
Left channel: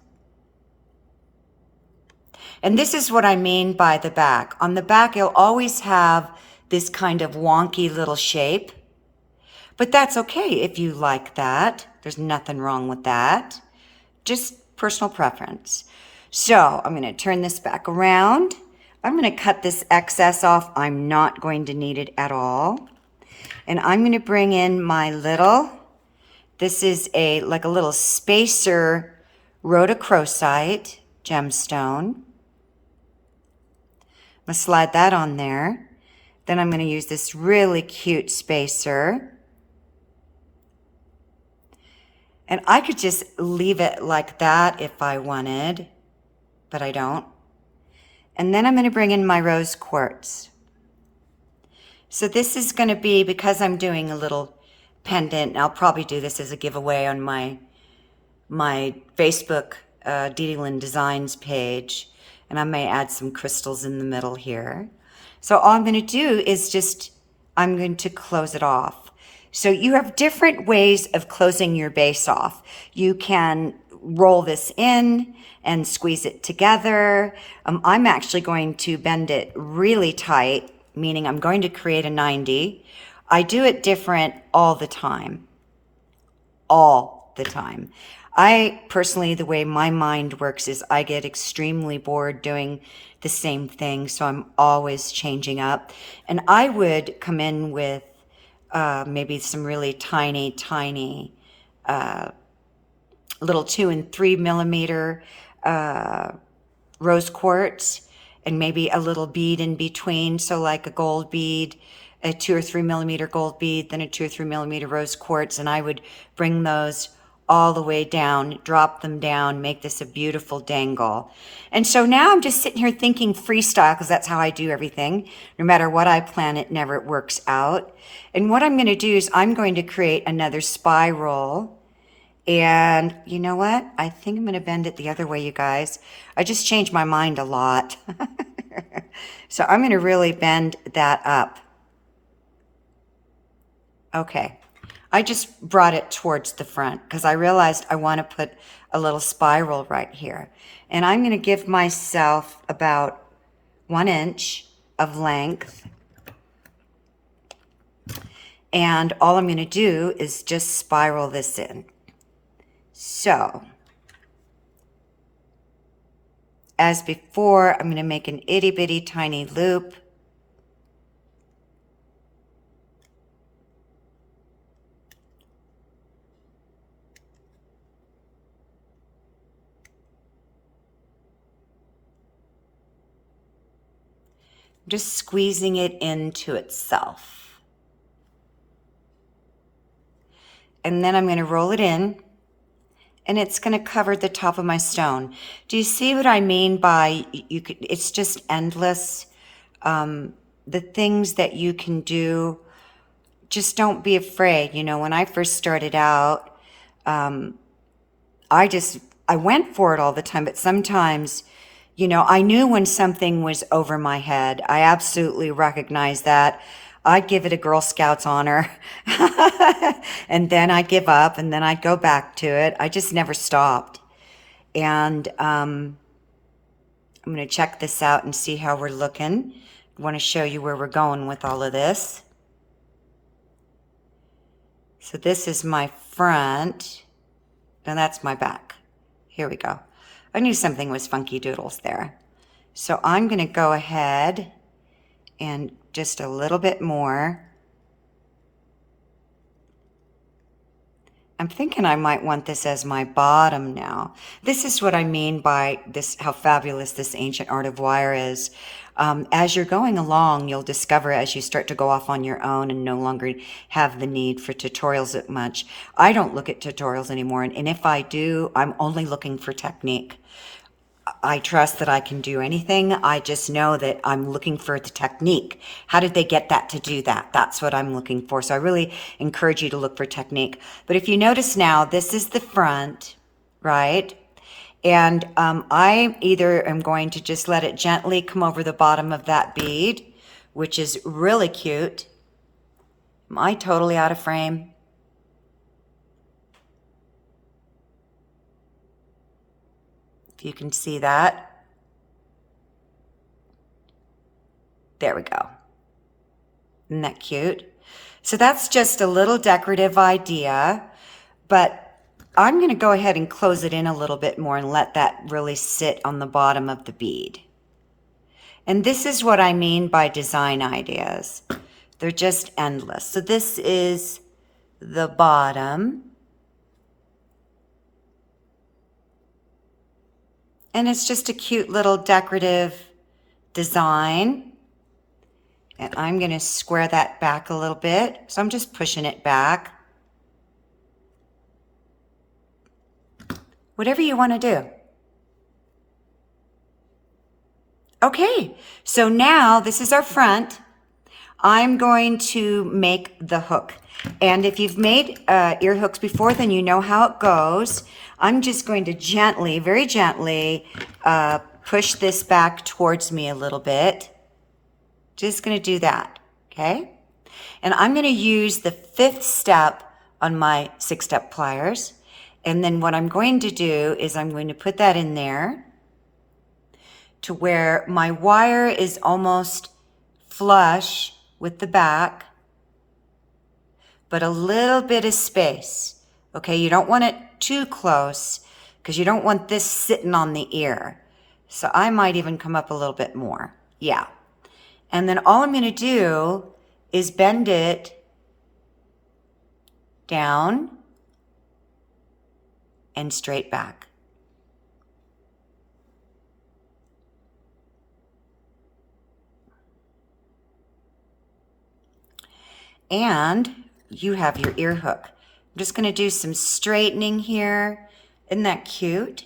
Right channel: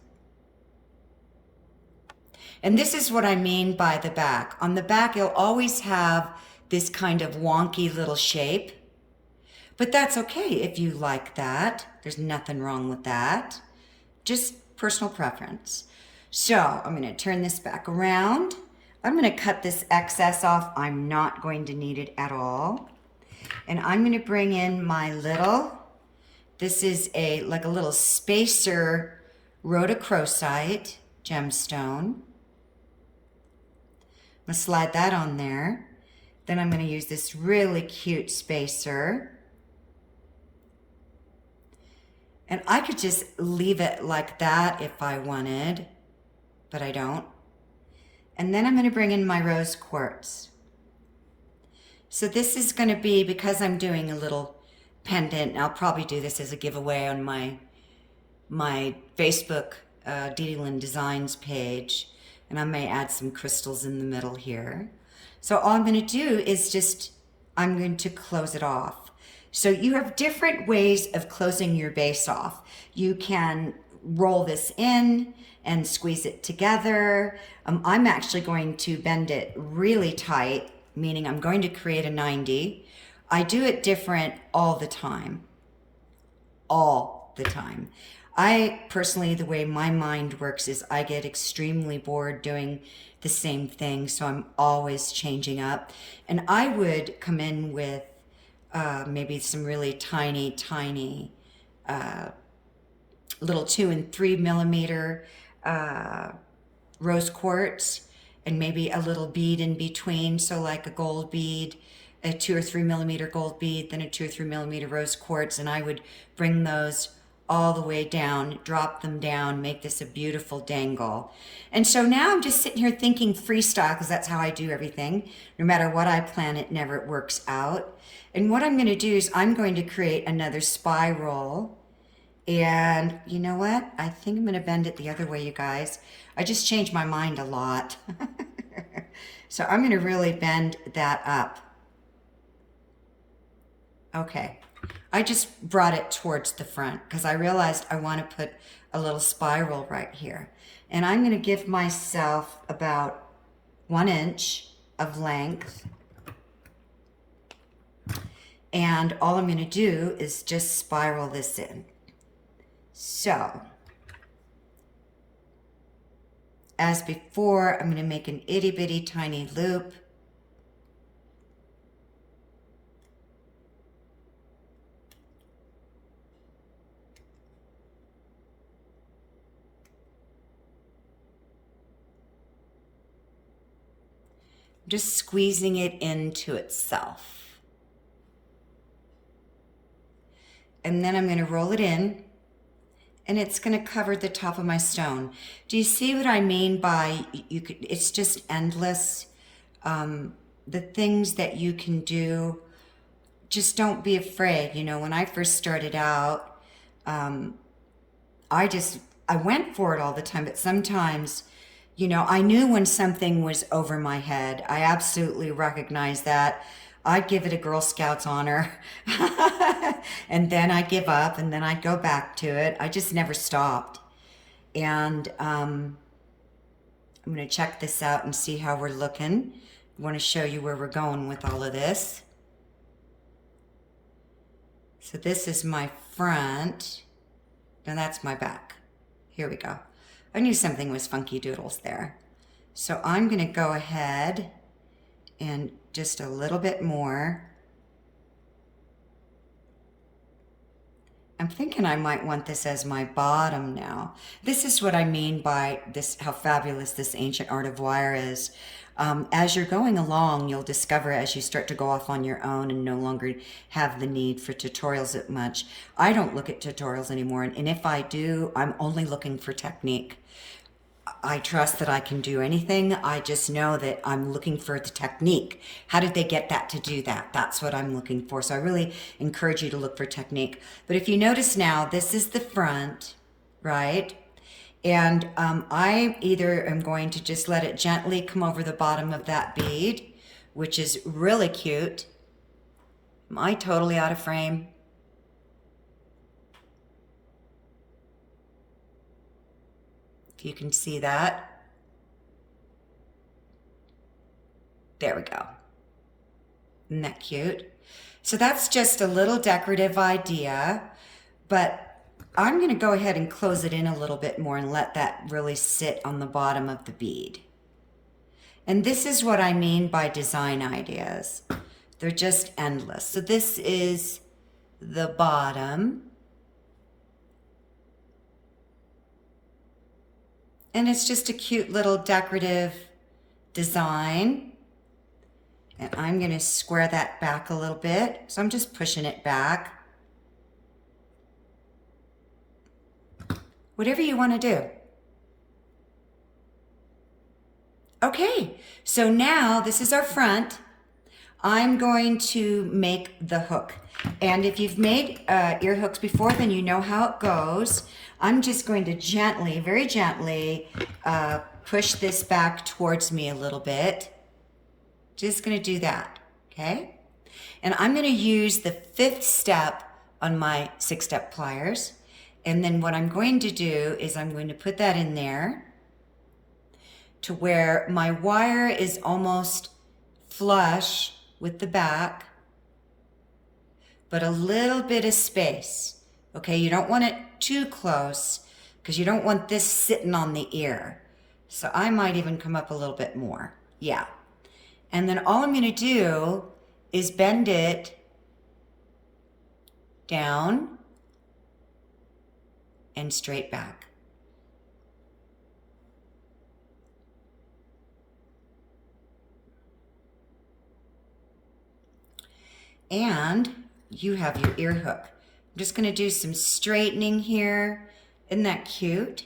And this is what I mean by the back. On the back, you'll always have this kind of wonky little shape. But that's okay if you like that. There's nothing wrong with that. Just personal preference. So I'm going to turn this back around. I'm going to cut this excess off. I'm not going to need it at all. And I'm going to bring in my little, this is like a little spacer rhodochrosite gemstone. I'm going to slide that on there. Then I'm going to use this really cute spacer. And I could just leave it like that if I wanted, but I don't. And then I'm going to bring in my rose quartz. So this is going to be, because I'm doing a little pendant, and I'll probably do this as a giveaway on my Facebook DDLynn Designs page, and I may add some crystals in the middle here. So all I'm going to do is just, I'm going to close it off. So you have different ways of closing your base off. You can roll this in and squeeze it together. I'm actually going to bend it really tight, meaning I'm going to create a 90. I do it different all the time. All the time. I personally, the way my mind works is I get extremely bored doing the same thing, so I'm always changing up. And I would come in with maybe some really tiny little 2 and 3 millimeter rose quartz, and maybe a little bead in between. So like a gold bead, a 2 or 3 millimeter gold bead, then a 2 or 3 millimeter rose quartz. And I would bring those all the way down, drop them down, make this a beautiful dangle. And so now I'm just sitting here thinking freestyle, because that's how I do everything. No matter what I plan, it never works out. And what I'm going to do is I'm going to create another spiral. And you know what? I think I'm going to bend it the other way, you guys. I just changed my mind a lot. So I'm going to really bend that up. Okay. I just brought it towards the front because I realized I want to put a little spiral right here. And I'm going to give myself about 1 inch of length. And all I'm going to do is just spiral this in. So, as before, I'm going to make an itty bitty tiny loop. just squeezing it into itself. And then I'm going to roll it in, and it's going to cover the top of my stone. Do you see what I mean by it's just endless? The things that you can do, just don't be afraid. You know, when I first started out, I went for it all the time, but sometimes, you know, I knew when something was over my head. I absolutely recognized that. I'd give it a Girl Scouts honor, and then I'd give up, and then I'd go back to it. I just never stopped. And I'm going to check this out and see how we're looking. I want to show you where we're going with all of this. So this is my front, and that's my back. Here we go. I knew something was funky doodles there. So I'm going to go ahead and just a little bit more. I'm thinking I might want this as my bottom now. This is what I mean by this, how fabulous this ancient art of wire is. As you're going along, you'll discover as you start to go off on your own and no longer have the need for tutorials that much. I don't look at tutorials anymore, and if I do, I'm only looking for technique. I trust that I can do anything. I just know that I'm looking for the technique. How did they get that to do that? That's what I'm looking for. So I really encourage you to look for technique. But if you notice now, this is the front, right? And I either am going to just let it gently come over the bottom of that bead, which is really cute. Am I totally out of frame? If you can see that. There we go. Isn't that cute? So that's just a little decorative idea, but I'm going to go ahead and close it in a little bit more and let that really sit on the bottom of the bead. And this is what I mean by design ideas. They're just endless. So this is the bottom. And it's just a cute little decorative design. And I'm going to square that back a little bit. So I'm just pushing it back. Whatever you want to do. Okay, so now this is our front. I'm going to make the hook. And if you've made ear hooks before, then you know how it goes. I'm just going to gently, very gently, push this back towards me a little bit. Just going to do that, okay? And I'm going to use the 5th step on my 6-step pliers. And then what I'm going to do is I'm going to put that in there to where my wire is almost flush with the back, but a little bit of space. Okay, you don't want it too close because you don't want this sitting on the ear. So I might even come up a little bit more. Yeah. And then all I'm going to do is bend it down and straight back. And you have your ear hook. I'm just going to do some straightening here. Isn't that cute?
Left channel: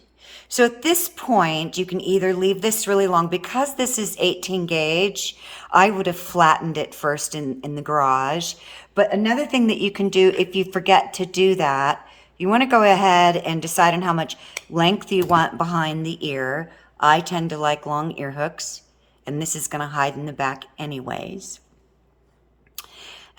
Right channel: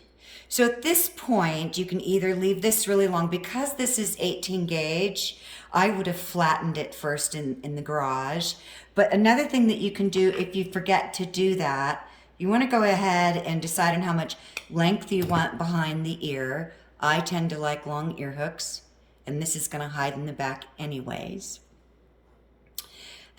So at this point, you can either leave this really long. Because this is 18 gauge, I would have flattened it first in the garage. But another thing that you can do if you forget to do that, you want to go ahead and decide on how much length you want behind the ear. I tend to like long ear hooks, and this is going to hide in the back anyways.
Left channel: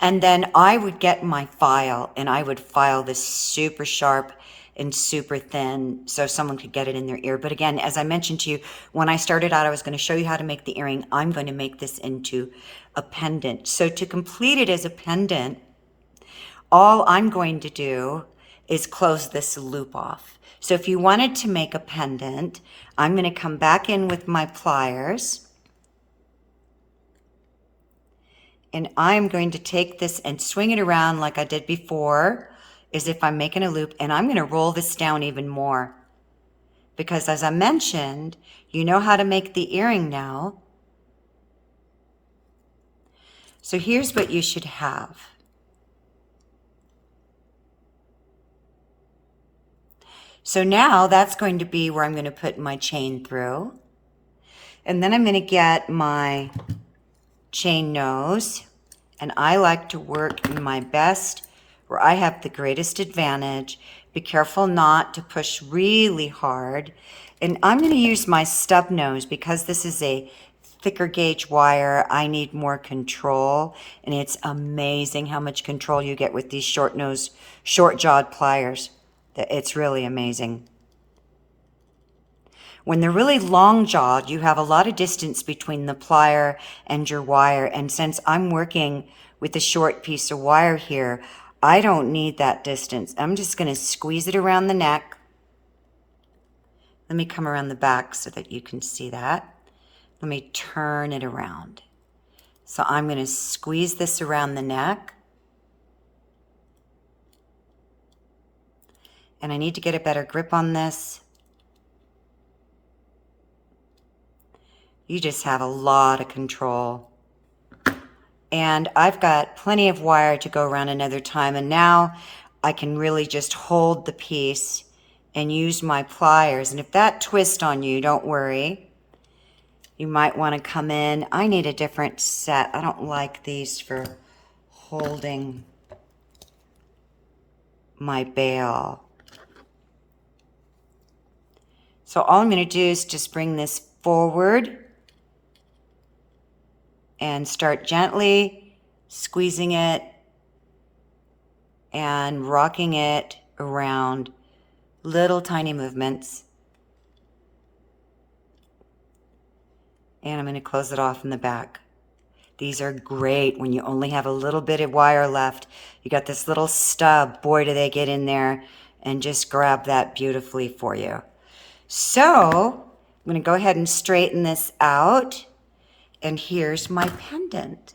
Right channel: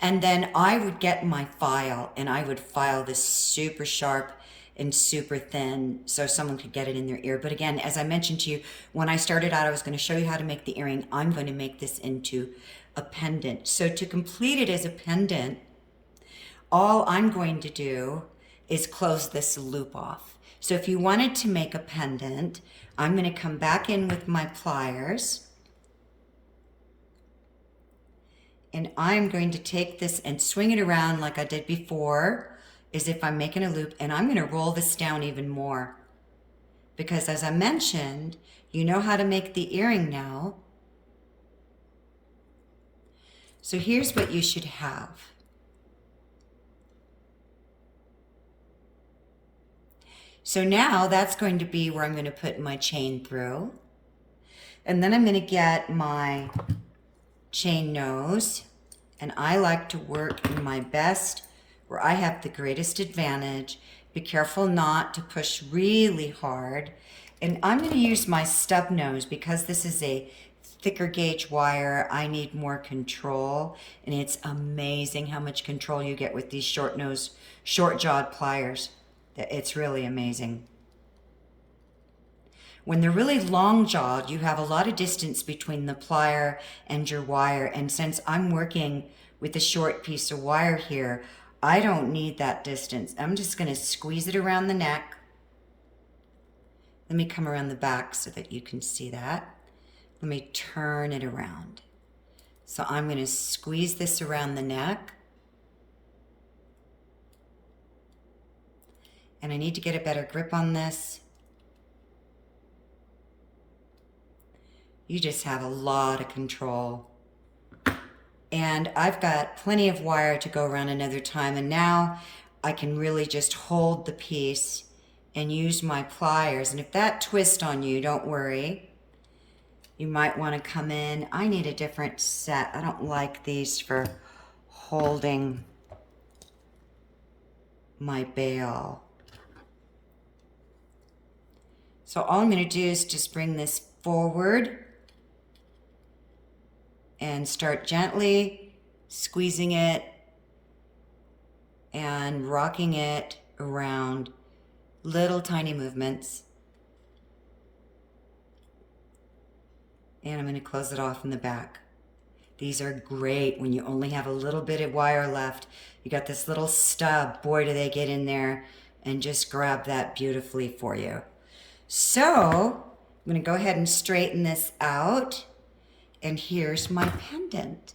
And then I would get my file, and I would file this super sharp and super thin so someone could get it in their ear. But again, as I mentioned to you, when I started out, I was going to show you how to make the earring. I'm going to make this into a pendant. So to complete it as a pendant, all I'm going to do is close this loop off. So if you wanted to make a pendant, I'm going to come back in with my pliers, and I'm going to take this and swing it around like I did before, as if I'm making a loop, and I'm going to roll this down even more. Because as I mentioned, you know how to make the earring now. So here's what you should have. So now that's going to be where I'm going to put my chain through. And then I'm going to get my chain nose. And I like to work in my best, where I have the greatest advantage. Be careful not to push really hard. And I'm going to use my stub nose because this is a thicker gauge wire. I need more control. And it's amazing how much control you get with these short jawed pliers. It's really amazing. When they're really long jawed, you have a lot of distance between the plier and your wire. And since I'm working with a short piece of wire here, I don't need that distance. I'm just going to squeeze it around the neck. Let me come around the back so that you can see that. Let me turn it around. So I'm going to squeeze this around the neck. And I need to get a better grip on this. You just have a lot of control. And I've got plenty of wire to go around another time. And now I can really just hold the piece and use my pliers. And if that twists on you, don't worry. You might want to come in. I need a different set. I don't like these for holding my bail. So all I'm going to do is just bring this forward and start gently squeezing it and rocking it around, little tiny movements. And I'm going to close it off in the back. These are great when you only have a little bit of wire left. You got this little stub. Boy, do they get in there and just grab that beautifully for you. So I'm going to go ahead and straighten this out. And here's my pendant.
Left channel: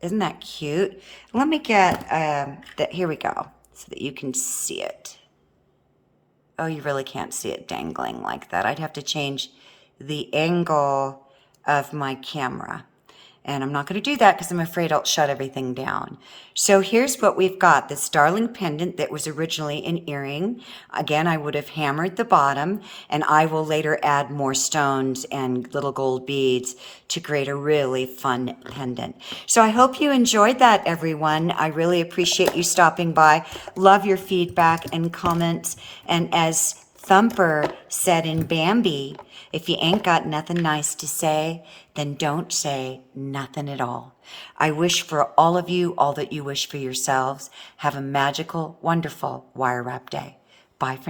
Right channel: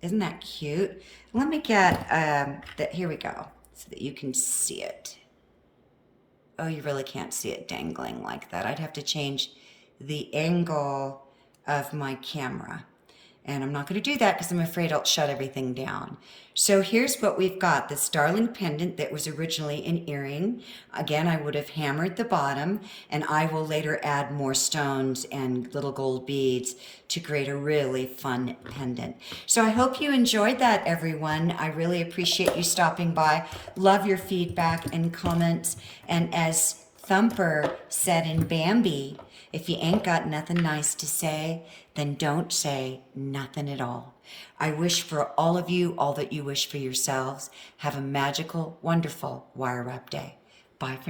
Isn't that cute? Let me get that. Here we go, so that you can see it. Oh, you really can't see it dangling like that. I'd have to change the angle of my camera. And I'm not going to do that because I'm afraid I'll shut everything down. So here's what we've got. This darling pendant that was originally an earring. Again, I would have hammered the bottom, and I will later add more stones and little gold beads to create a really fun pendant. So I hope you enjoyed that, everyone. I really appreciate you stopping by. Love your feedback and comments. And as Thumper said in Bambi, if you ain't got nothing nice to say, then don't say nothing at all. I wish for all of you all that you wish for yourselves. Have a magical, wonderful wire wrap day. Bye for now.